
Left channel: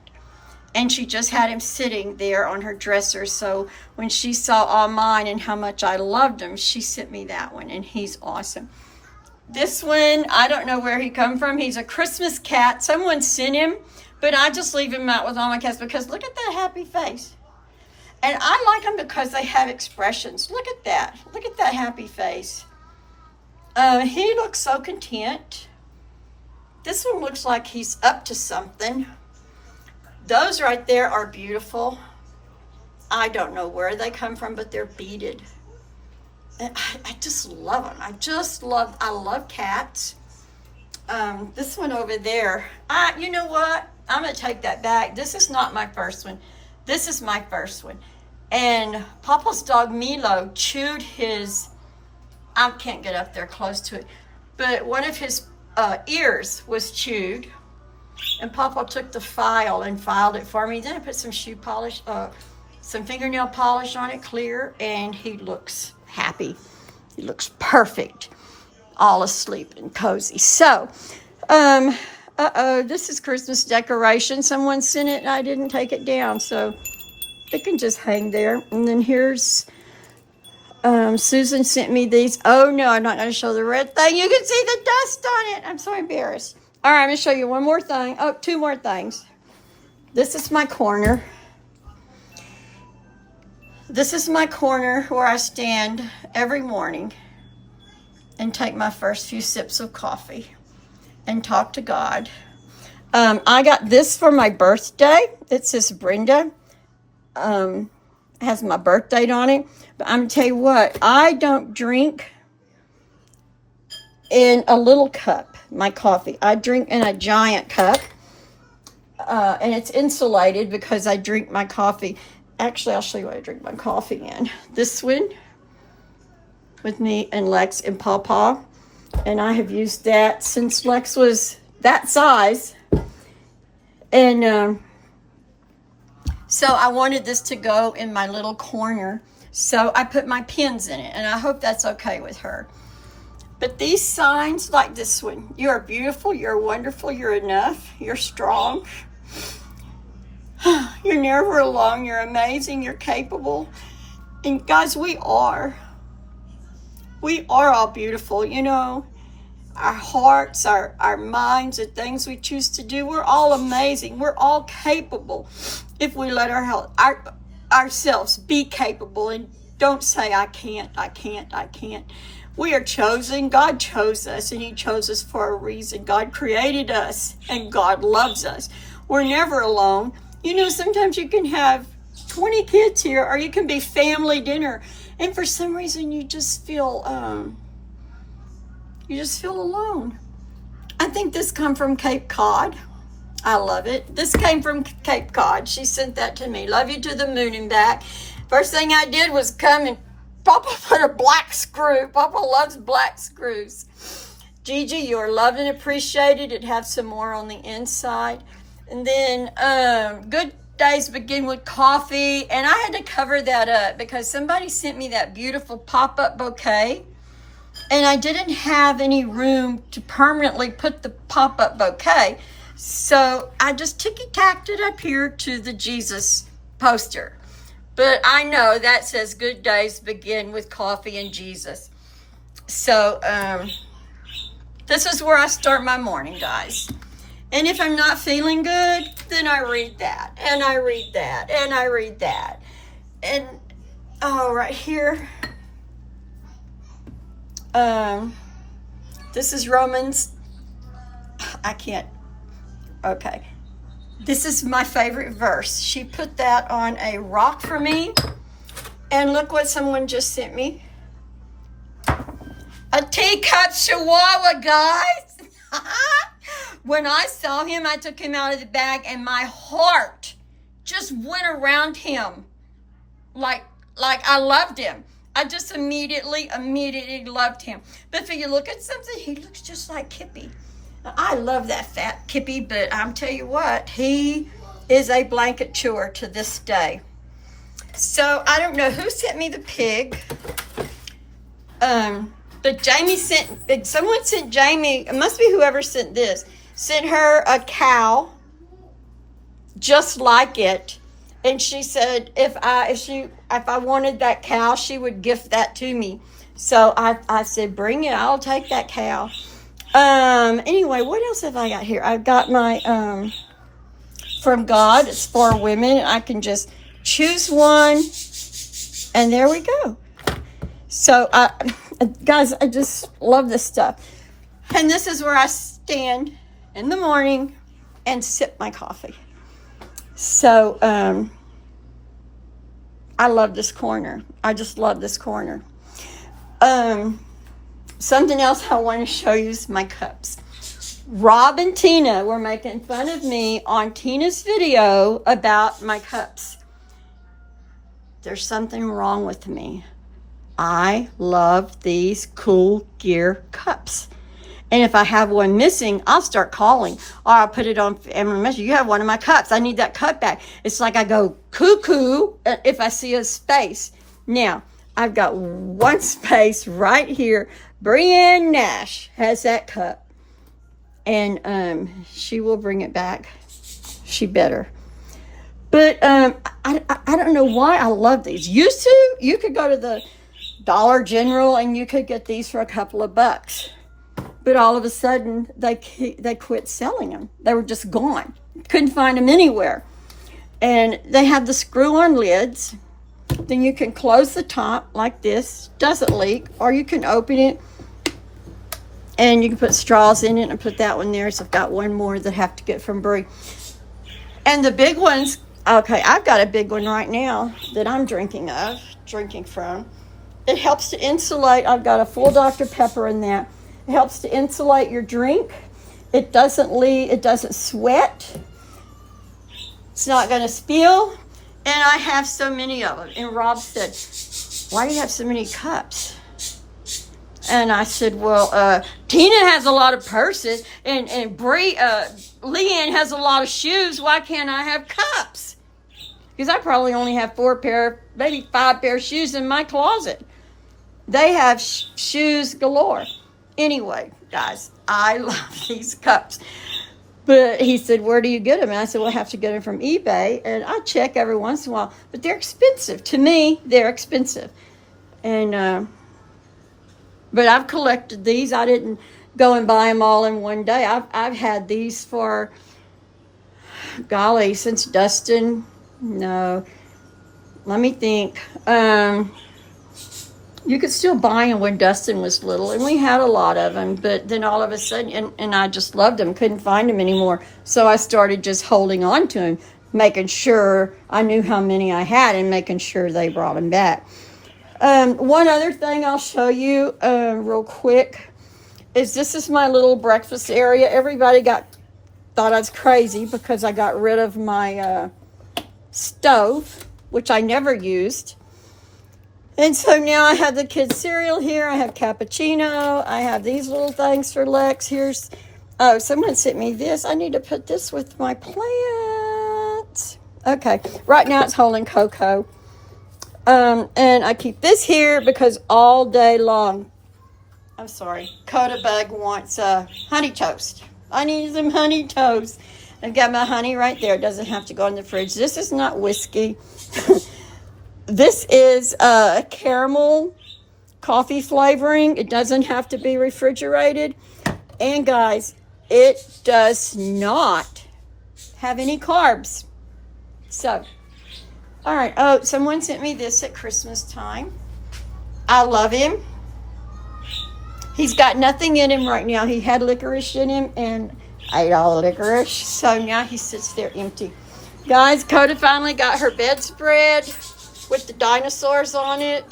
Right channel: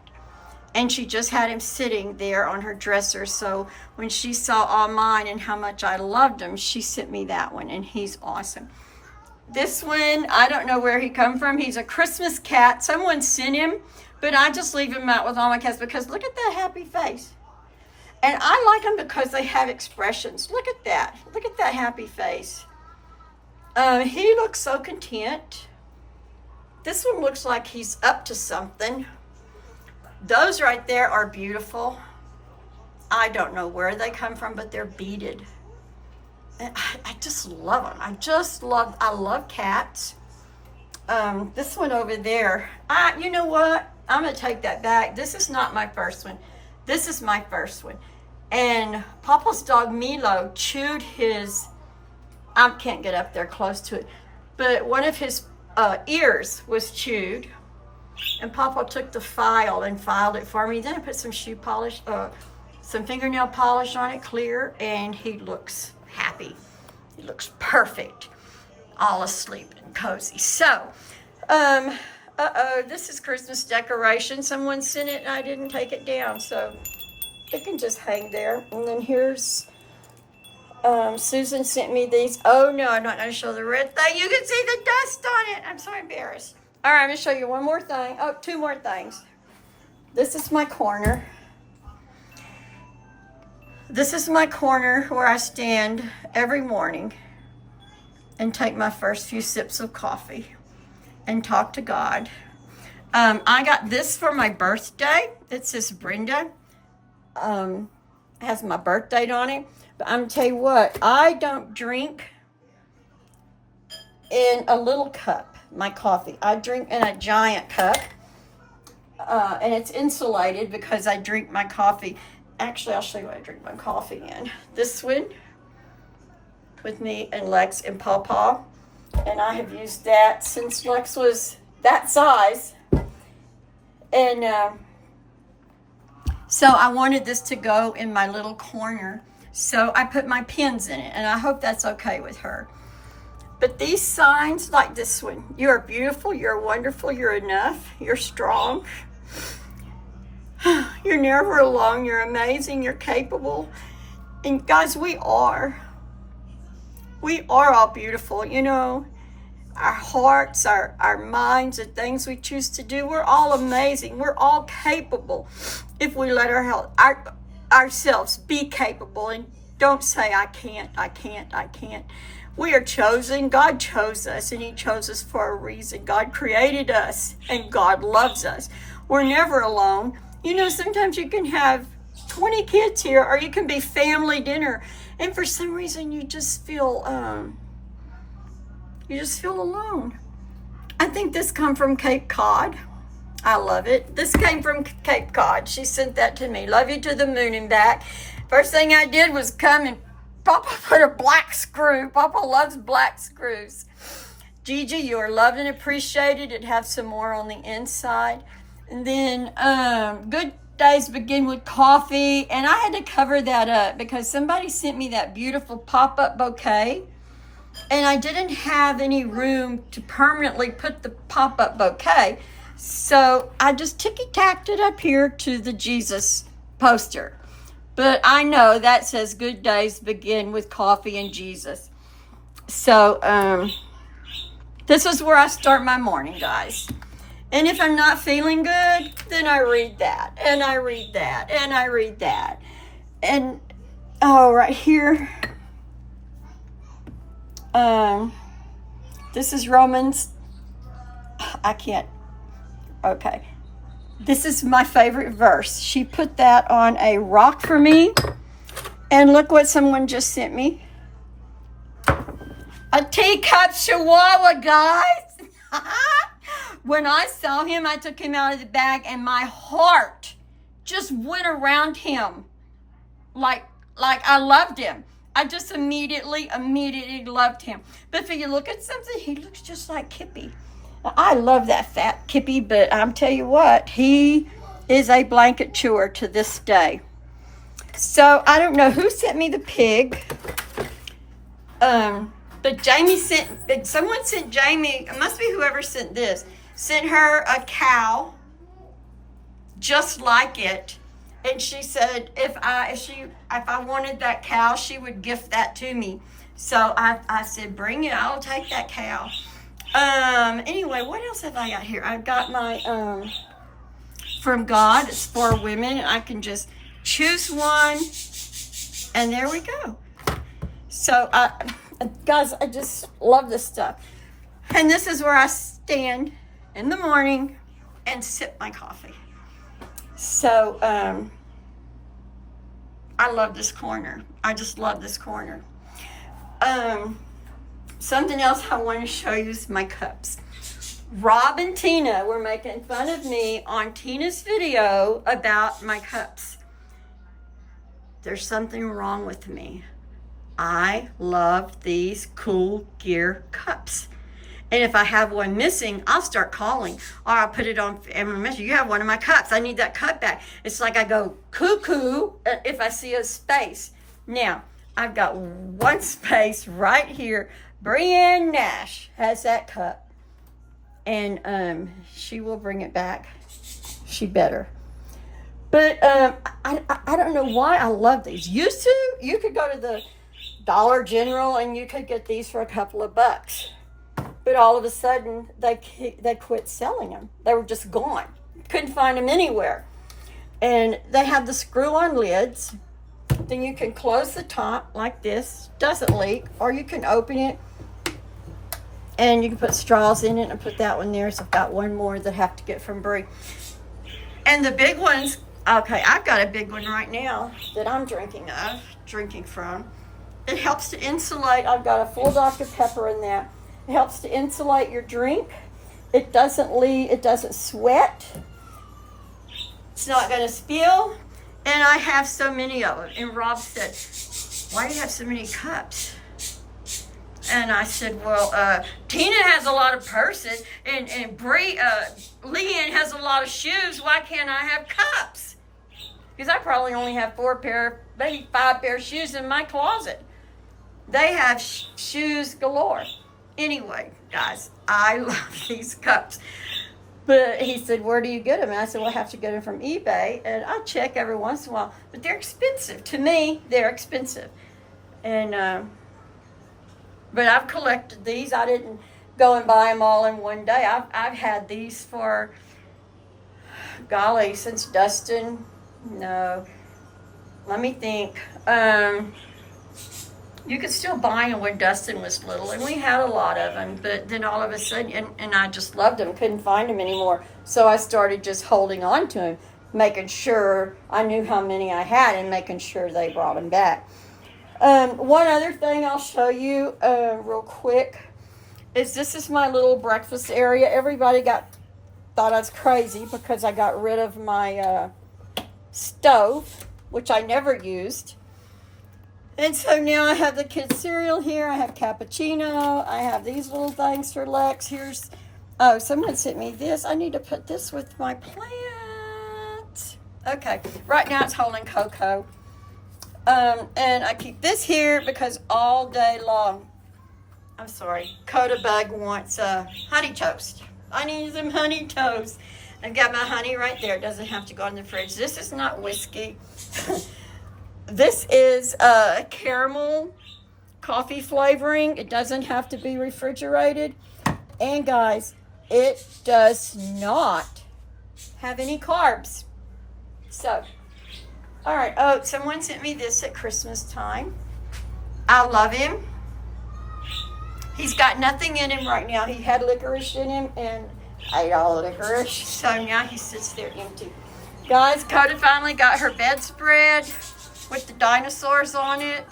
And she just had him sitting there on her dresser. So when she saw all mine and how much I loved him, she sent me that one, and he's awesome. This one, I don't know where he come from. He's a Christmas cat. Someone sent him, but I just leave him out with all my cats because look at that happy face. And I like them because they have expressions. Look at that. Look at that happy face. He looks so content. This one looks like he's up to something. Those right there are beautiful. I don't know where they come from, but they're beaded. And I just love them. I love cats. This one over there, you know what? I'm going to take that back. This is not my first one. This is my first one. And Papa's dog Milo chewed his, I can't get up there close to it, but one of his ears was chewed. And Papa took the file and filed it for me. Then I put some shoe polish, some fingernail polish on it, clear, and he looks happy. He looks perfect, all asleep and cozy. So, this is Christmas decoration. Someone sent it and I didn't take it down, so it can just hang there. And then here's, Susan sent me these. Oh no, I'm not gonna show the red thing. You can see the dust on it. I'm so embarrassed. All right, I'm gonna show you one more thing. Oh, two more things. This is my corner. This is my corner where I stand every morning and take my first few sips of coffee and talk to God. I got this for my birthday. It says Brenda. It has my birth date on it. But I'm gonna tell you what, I don't drink in a little cup, my coffee. I drink in a giant cup. and it's insulated because I drink my coffee. Actually, I'll show you what I drink my coffee in. This one with me and Lex and Pawpaw. And I have used that since Lex was that size. And so I wanted this to go in my little corner. So I put my pins in it, and I hope that's okay with her. But these signs, like this one, you are beautiful, you're wonderful, you're enough, you're strong. You're never alone, you're amazing, you're capable. And guys, we are. We are all beautiful, you know. Our hearts, our minds, the things we choose to do, we're all amazing. We're all capable if we let ourselves be capable and don't say, I can't, I can't, I can't. We are chosen. God chose us, and he chose us for a reason. God created us, and God loves us. We're never alone. You know, sometimes you can have 20 kids here, or you can be family dinner, and for some reason you just feel alone. I think this come from Cape Cod. I love it. This came from Cape Cod. She sent that to me. Love you to the moon and back. First thing I did was come and Papa put a black screw. Papa loves black screws. Gigi, you are loved and appreciated. It have some more on the inside. And then good days begin with coffee. And I had to cover that up because somebody sent me that beautiful pop-up bouquet. And I didn't have any room to permanently put the pop-up bouquet. So I just ticky-tacked it up here to the Jesus poster. But I know that says good days begin with coffee and Jesus. So this is where I start my morning, guys. And if I'm not feeling good, then I read that. And I read that. And I read that. And, oh, right here. This is Romans. I can't. Okay. This is my favorite verse. She put that on a rock for me. And look what someone just sent me. A teacup chihuahua, guys. When I saw him, I took him out of the bag and my heart just went around him. Like I loved him. I just immediately loved him. But if you look at something, he looks just like Kippy. I love that fat Kippy, but I'm tell you what, he is a blanket chewer to this day. So I don't know who sent me the pig. But someone sent Jamie, it must be whoever sent this, sent her a cow just like it. And she said if I wanted that cow, she would gift that to me. So I said, bring it, I'll take that cow. Anyway, what else have I got here? I've got my from God. It's for women. I can just choose one, and there we go. So guys, I just love this stuff. And this is where I stand in the morning and sip my coffee. So I love this corner. I just love this corner. Something else I want to show you is my cups. Rob and Tina were making fun of me on Tina's video about my cups. There's something wrong with me. I love these cool gear cups. And if I have one missing, I'll start calling. Or I'll put it on Amber Message. You have one of my cups. I need that cup back. It's like I go cuckoo if I see a space. Now, I've got one space right here. Brienne Nash has that cup. And she will bring it back. She better. But I don't know why I love these. Used to, you could go to the Dollar General and you could get these for a couple of bucks. But all of a sudden, they quit selling them. They were just gone. Couldn't find them anywhere. And they have the screw-on lids. Then you can close the top like this. Doesn't leak. Or you can open it. And you can put straws in it and put that one there. So I've got one more that I have to get from Brie. And the big ones, okay, I've got a big one right now that I'm drinking from. It helps to insulate. I've got a full Dr. Pepper in there. It helps to insulate your drink. It doesn't leak. It doesn't sweat. It's not going to spill. And I have so many of them. And Rob said, why do you have so many cups? And I said, well, Tina has a lot of purses, and Leanne has a lot of shoes. Why can't I have cups? Because I probably only have 4 pair, maybe 5 pair of shoes in my closet. They have shoes galore. Anyway, guys, I love these cups. But he said, where do you get them? And I said, well, I have to get them from eBay. And I check every once in a while. But they're expensive. To me, they're expensive. And, but I've collected these. I didn't go and buy them all in one day. I've had these for, golly, since Dustin. No. Let me think. You could still buy them when Dustin was little, and we had a lot of them, but then all of a sudden, and I just loved them, couldn't find them anymore, so I started just holding on to them, making sure I knew how many I had and making sure they brought them back. One other thing I'll show you real quick is this is my little breakfast area. Everybody thought I was crazy because I got rid of my stove, which I never used. And so now I have the kids' cereal here. I have cappuccino. I have these little things for Lex. Oh, someone sent me this. I need to put this with my plants. Okay, right now it's holding cocoa. And I keep this here because all day long, I'm sorry, Coda Bug wants honey toast. I need some honey toast. I've got my honey right there. It doesn't have to go in the fridge. This is not whiskey. This is caramel coffee flavoring. It doesn't have to be refrigerated. And guys, it does not have any carbs. So, all right. Oh, someone sent me this at Christmas time. I love him. He's got nothing in him right now. He had licorice in him and I ate all the licorice. So now he sits there empty. Guys, Coda finally got her bedspread with the dinosaurs on it.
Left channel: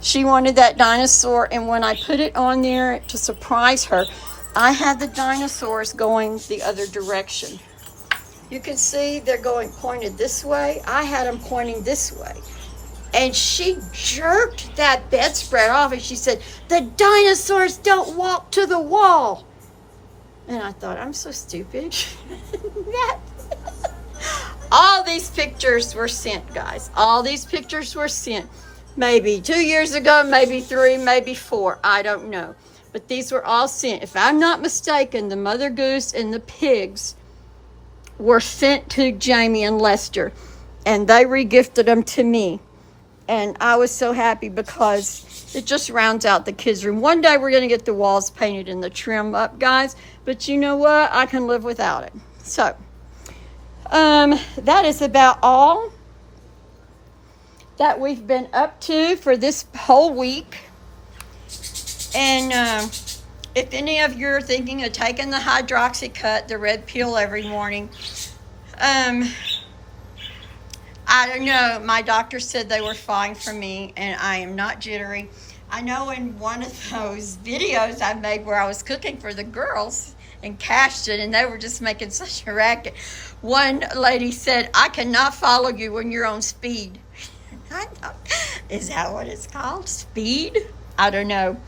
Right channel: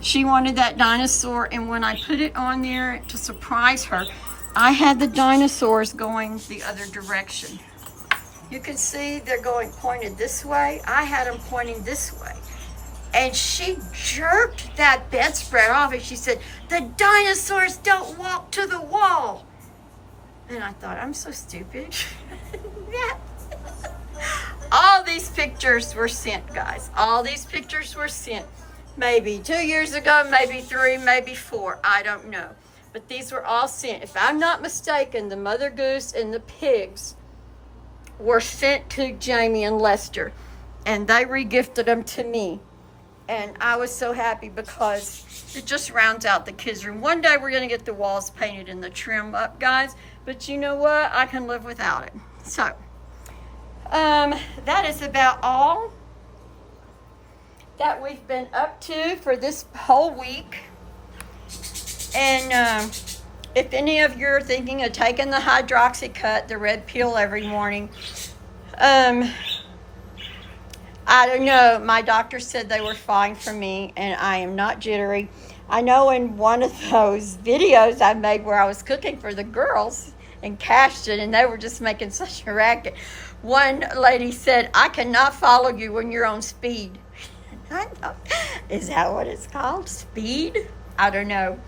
She wanted that dinosaur, and when I put it on there to surprise her, I had the dinosaurs going the other direction. You can see they're going pointed this way. I had them pointing this way. And she jerked that bedspread off and she said, the dinosaurs don't walk to the wall. And I thought, I'm so stupid. All these pictures were sent, guys. All these pictures were sent. Maybe 2 years ago, maybe 3, maybe 4. I don't know. But these were all sent. If I'm not mistaken, the mother goose and the pigs were sent to Jamie and Lester. And they regifted them to me. And I was so happy because it just rounds out the kids' room. One day we're going to get the walls painted and the trim up, guys. But you know what? I can live without it. So, that is about all that we've been up to for this whole week. And if any of you are thinking of taking the hydroxycut, the red pill every morning, I don't know. My doctor said they were fine for me, and I am not jittery. I know in one of those videos I made where I was cooking for the girls and cashed it, and they were just making such a racket. One lady said, I cannot follow you when you're on speed. I thought, is that what it's called? Speed? I don't know.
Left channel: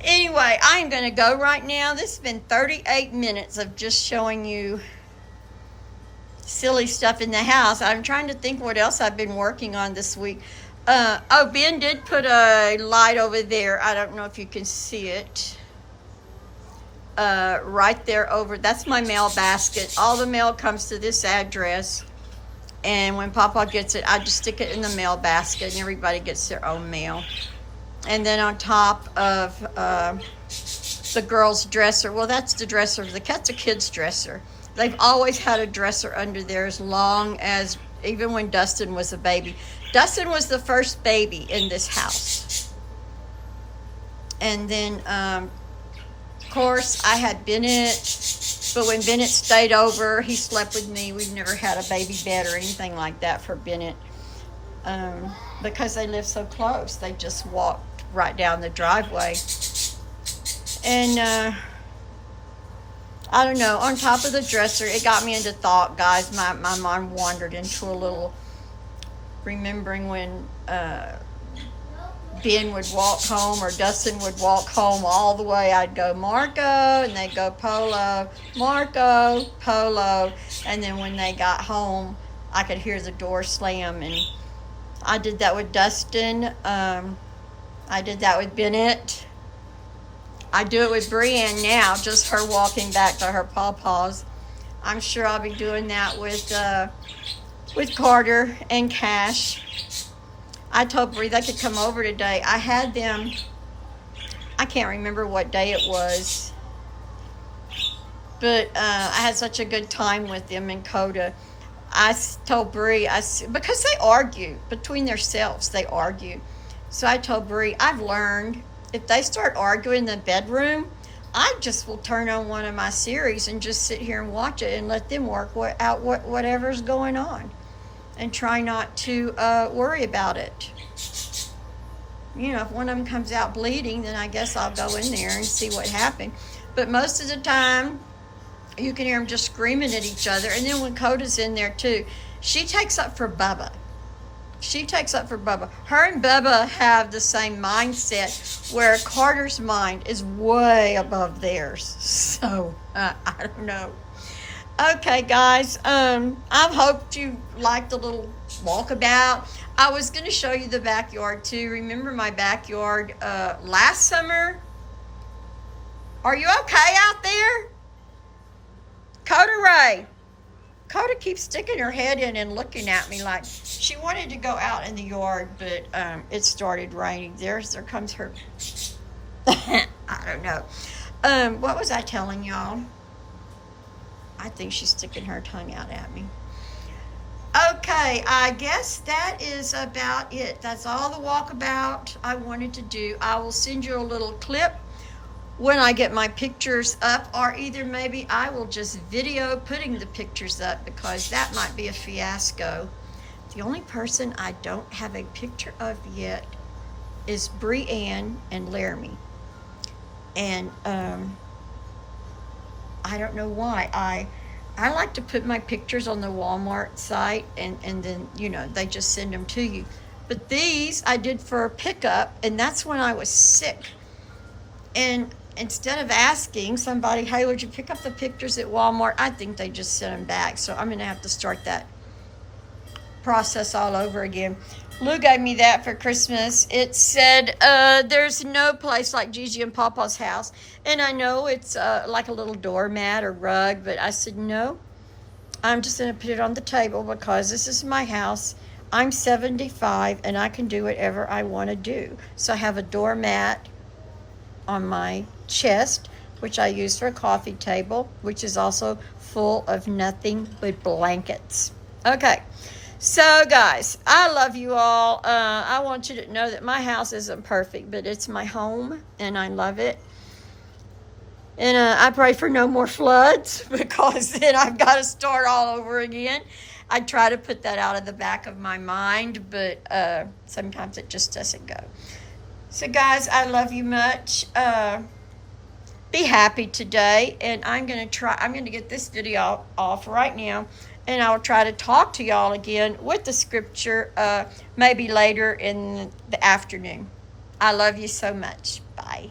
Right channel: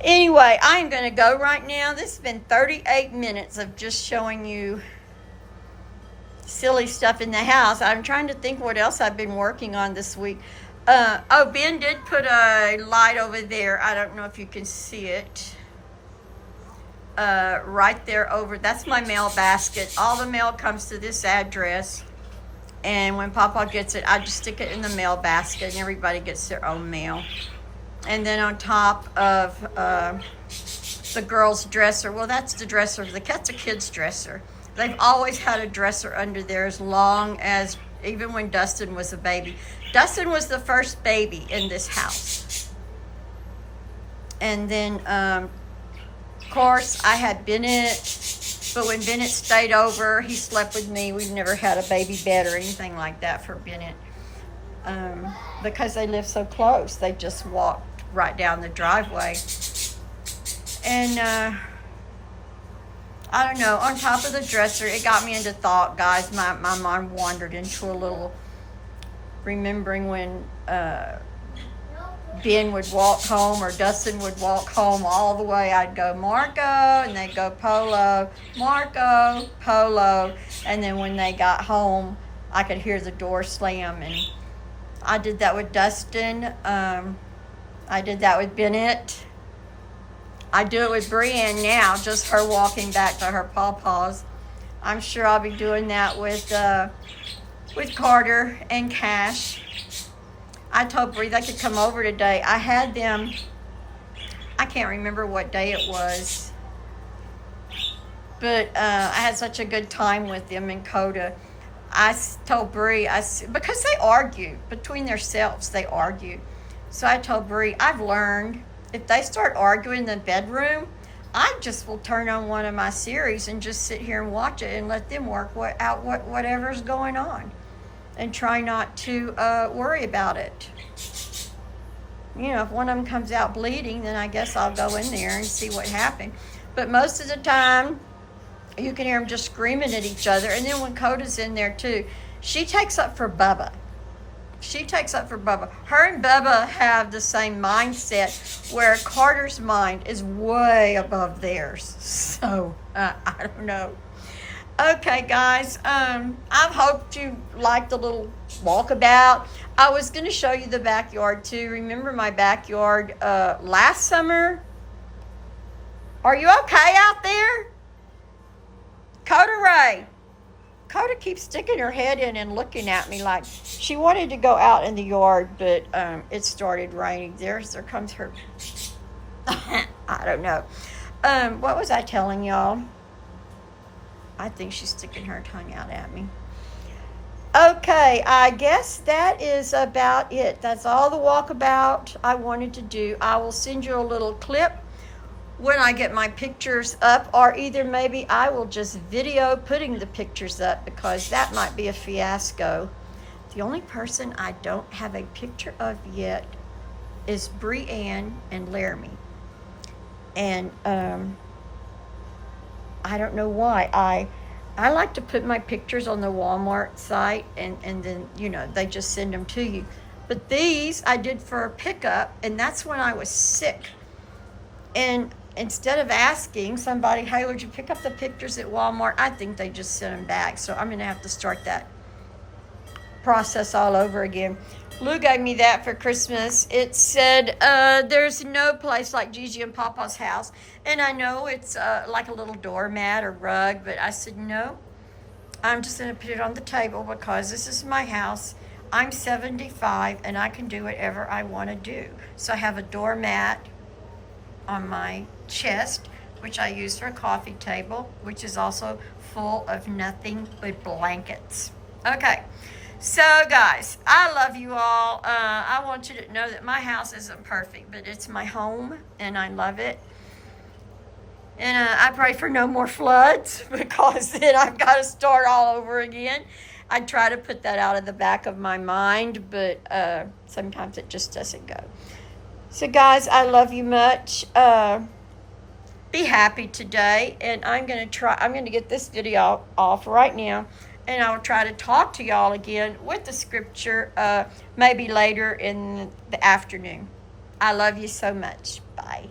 Anyway, I am going to go right now. This has been 38 minutes of just showing you silly stuff in the house. I'm trying to think what else I've been working on this week. Ben did put a light over there. I don't know if you can see it. Right there over. That's my mail basket. All the mail comes to this address. And when Papa gets it, I just stick it in the mail basket and everybody gets their own mail. And then on top of the girls' dresser, well, that's the dresser. That's a kid's dresser. They've always had a dresser under there as long as, even when Dustin was a baby. Dustin was the first baby in this house. And then, of course, I had Bennett. But when Bennett stayed over, he slept with me. We've never had a baby bed or anything like that for Bennett. Because they live so close. They just walked right down the driveway. And I don't know, on top of the dresser. It got me into thought, guys. My mind wandered into a little remembering when Ben would walk home or Dustin would walk home all the way. I'd go, Marco, and they'd go, Polo, Marco, Polo. And then when they got home, I could hear the door slam. And I did that with Dustin. I did that with Bennett. I do it with Brienne now, just her walking back to her pawpaws. I'm sure I'll be doing that with Carter and Cash. I told Bree they could come over today. I had them, I can't remember what day it was, but I had such a good time with them in Coda. I told Bree, because they argue between themselves, they argue. So I told Bree, I've learned if they start arguing in the bedroom, I just will turn on one of my series and just sit here and watch it and let them work out whatever's going on, and try not to worry about it. You know, if one of them comes out bleeding, then I guess I'll go in there and see what happened. But most of the time, you can hear them just screaming at each other. And then when Coda's in there too, she takes up for Bubba. Her and Bubba have the same mindset, where Carter's mind is way above theirs. So, I don't know. Okay, guys, I hope you liked the little walkabout. I was going to show you the backyard, too. Remember my backyard last summer? Are you okay out there? Coda Ray. Coda keeps sticking her head in and looking at me like she wanted to go out in the yard, but it started raining. There comes her. I don't know. What was I telling y'all? I think she's sticking her tongue out at me. Okay, I guess that is about it. That's all the walkabout I wanted to do. I will send you a little clip when I get my pictures up, or either maybe I will just video putting the pictures up, because that might be a fiasco. The only person I don't have a picture of yet is Brianne and Laramie. And I don't know why. I like to put my pictures on the Walmart site, and then, you know, they just send them to you. But these I did for a pickup, and that's when I was sick. And instead of asking somebody, hey, would you pick up the pictures at Walmart, I think they just sent them back. So I'm going to have to start that process all over again. Lou gave me that for Christmas. It said, there's no place like Gigi and Papa's house. And I know it's like a little doormat or rug, but I said, no, I'm just going to put it on the table because this is my house. I'm 75 and I can do whatever I want to do. So I have a doormat on my chest, which I use for a coffee table, which is also full of nothing but blankets. Okay. So, guys, I love you all. I want you to know that my house isn't perfect, but it's my home, and I love it. And I pray for no more floods, because then I've got to start all over again. I try to put that out of the back of my mind, but sometimes it just doesn't go. So, guys, I love you much. Be happy today, and I'm going to get this video off right now. And I'll try to talk to y'all again with the scripture maybe later in the afternoon. I love you so much. Bye.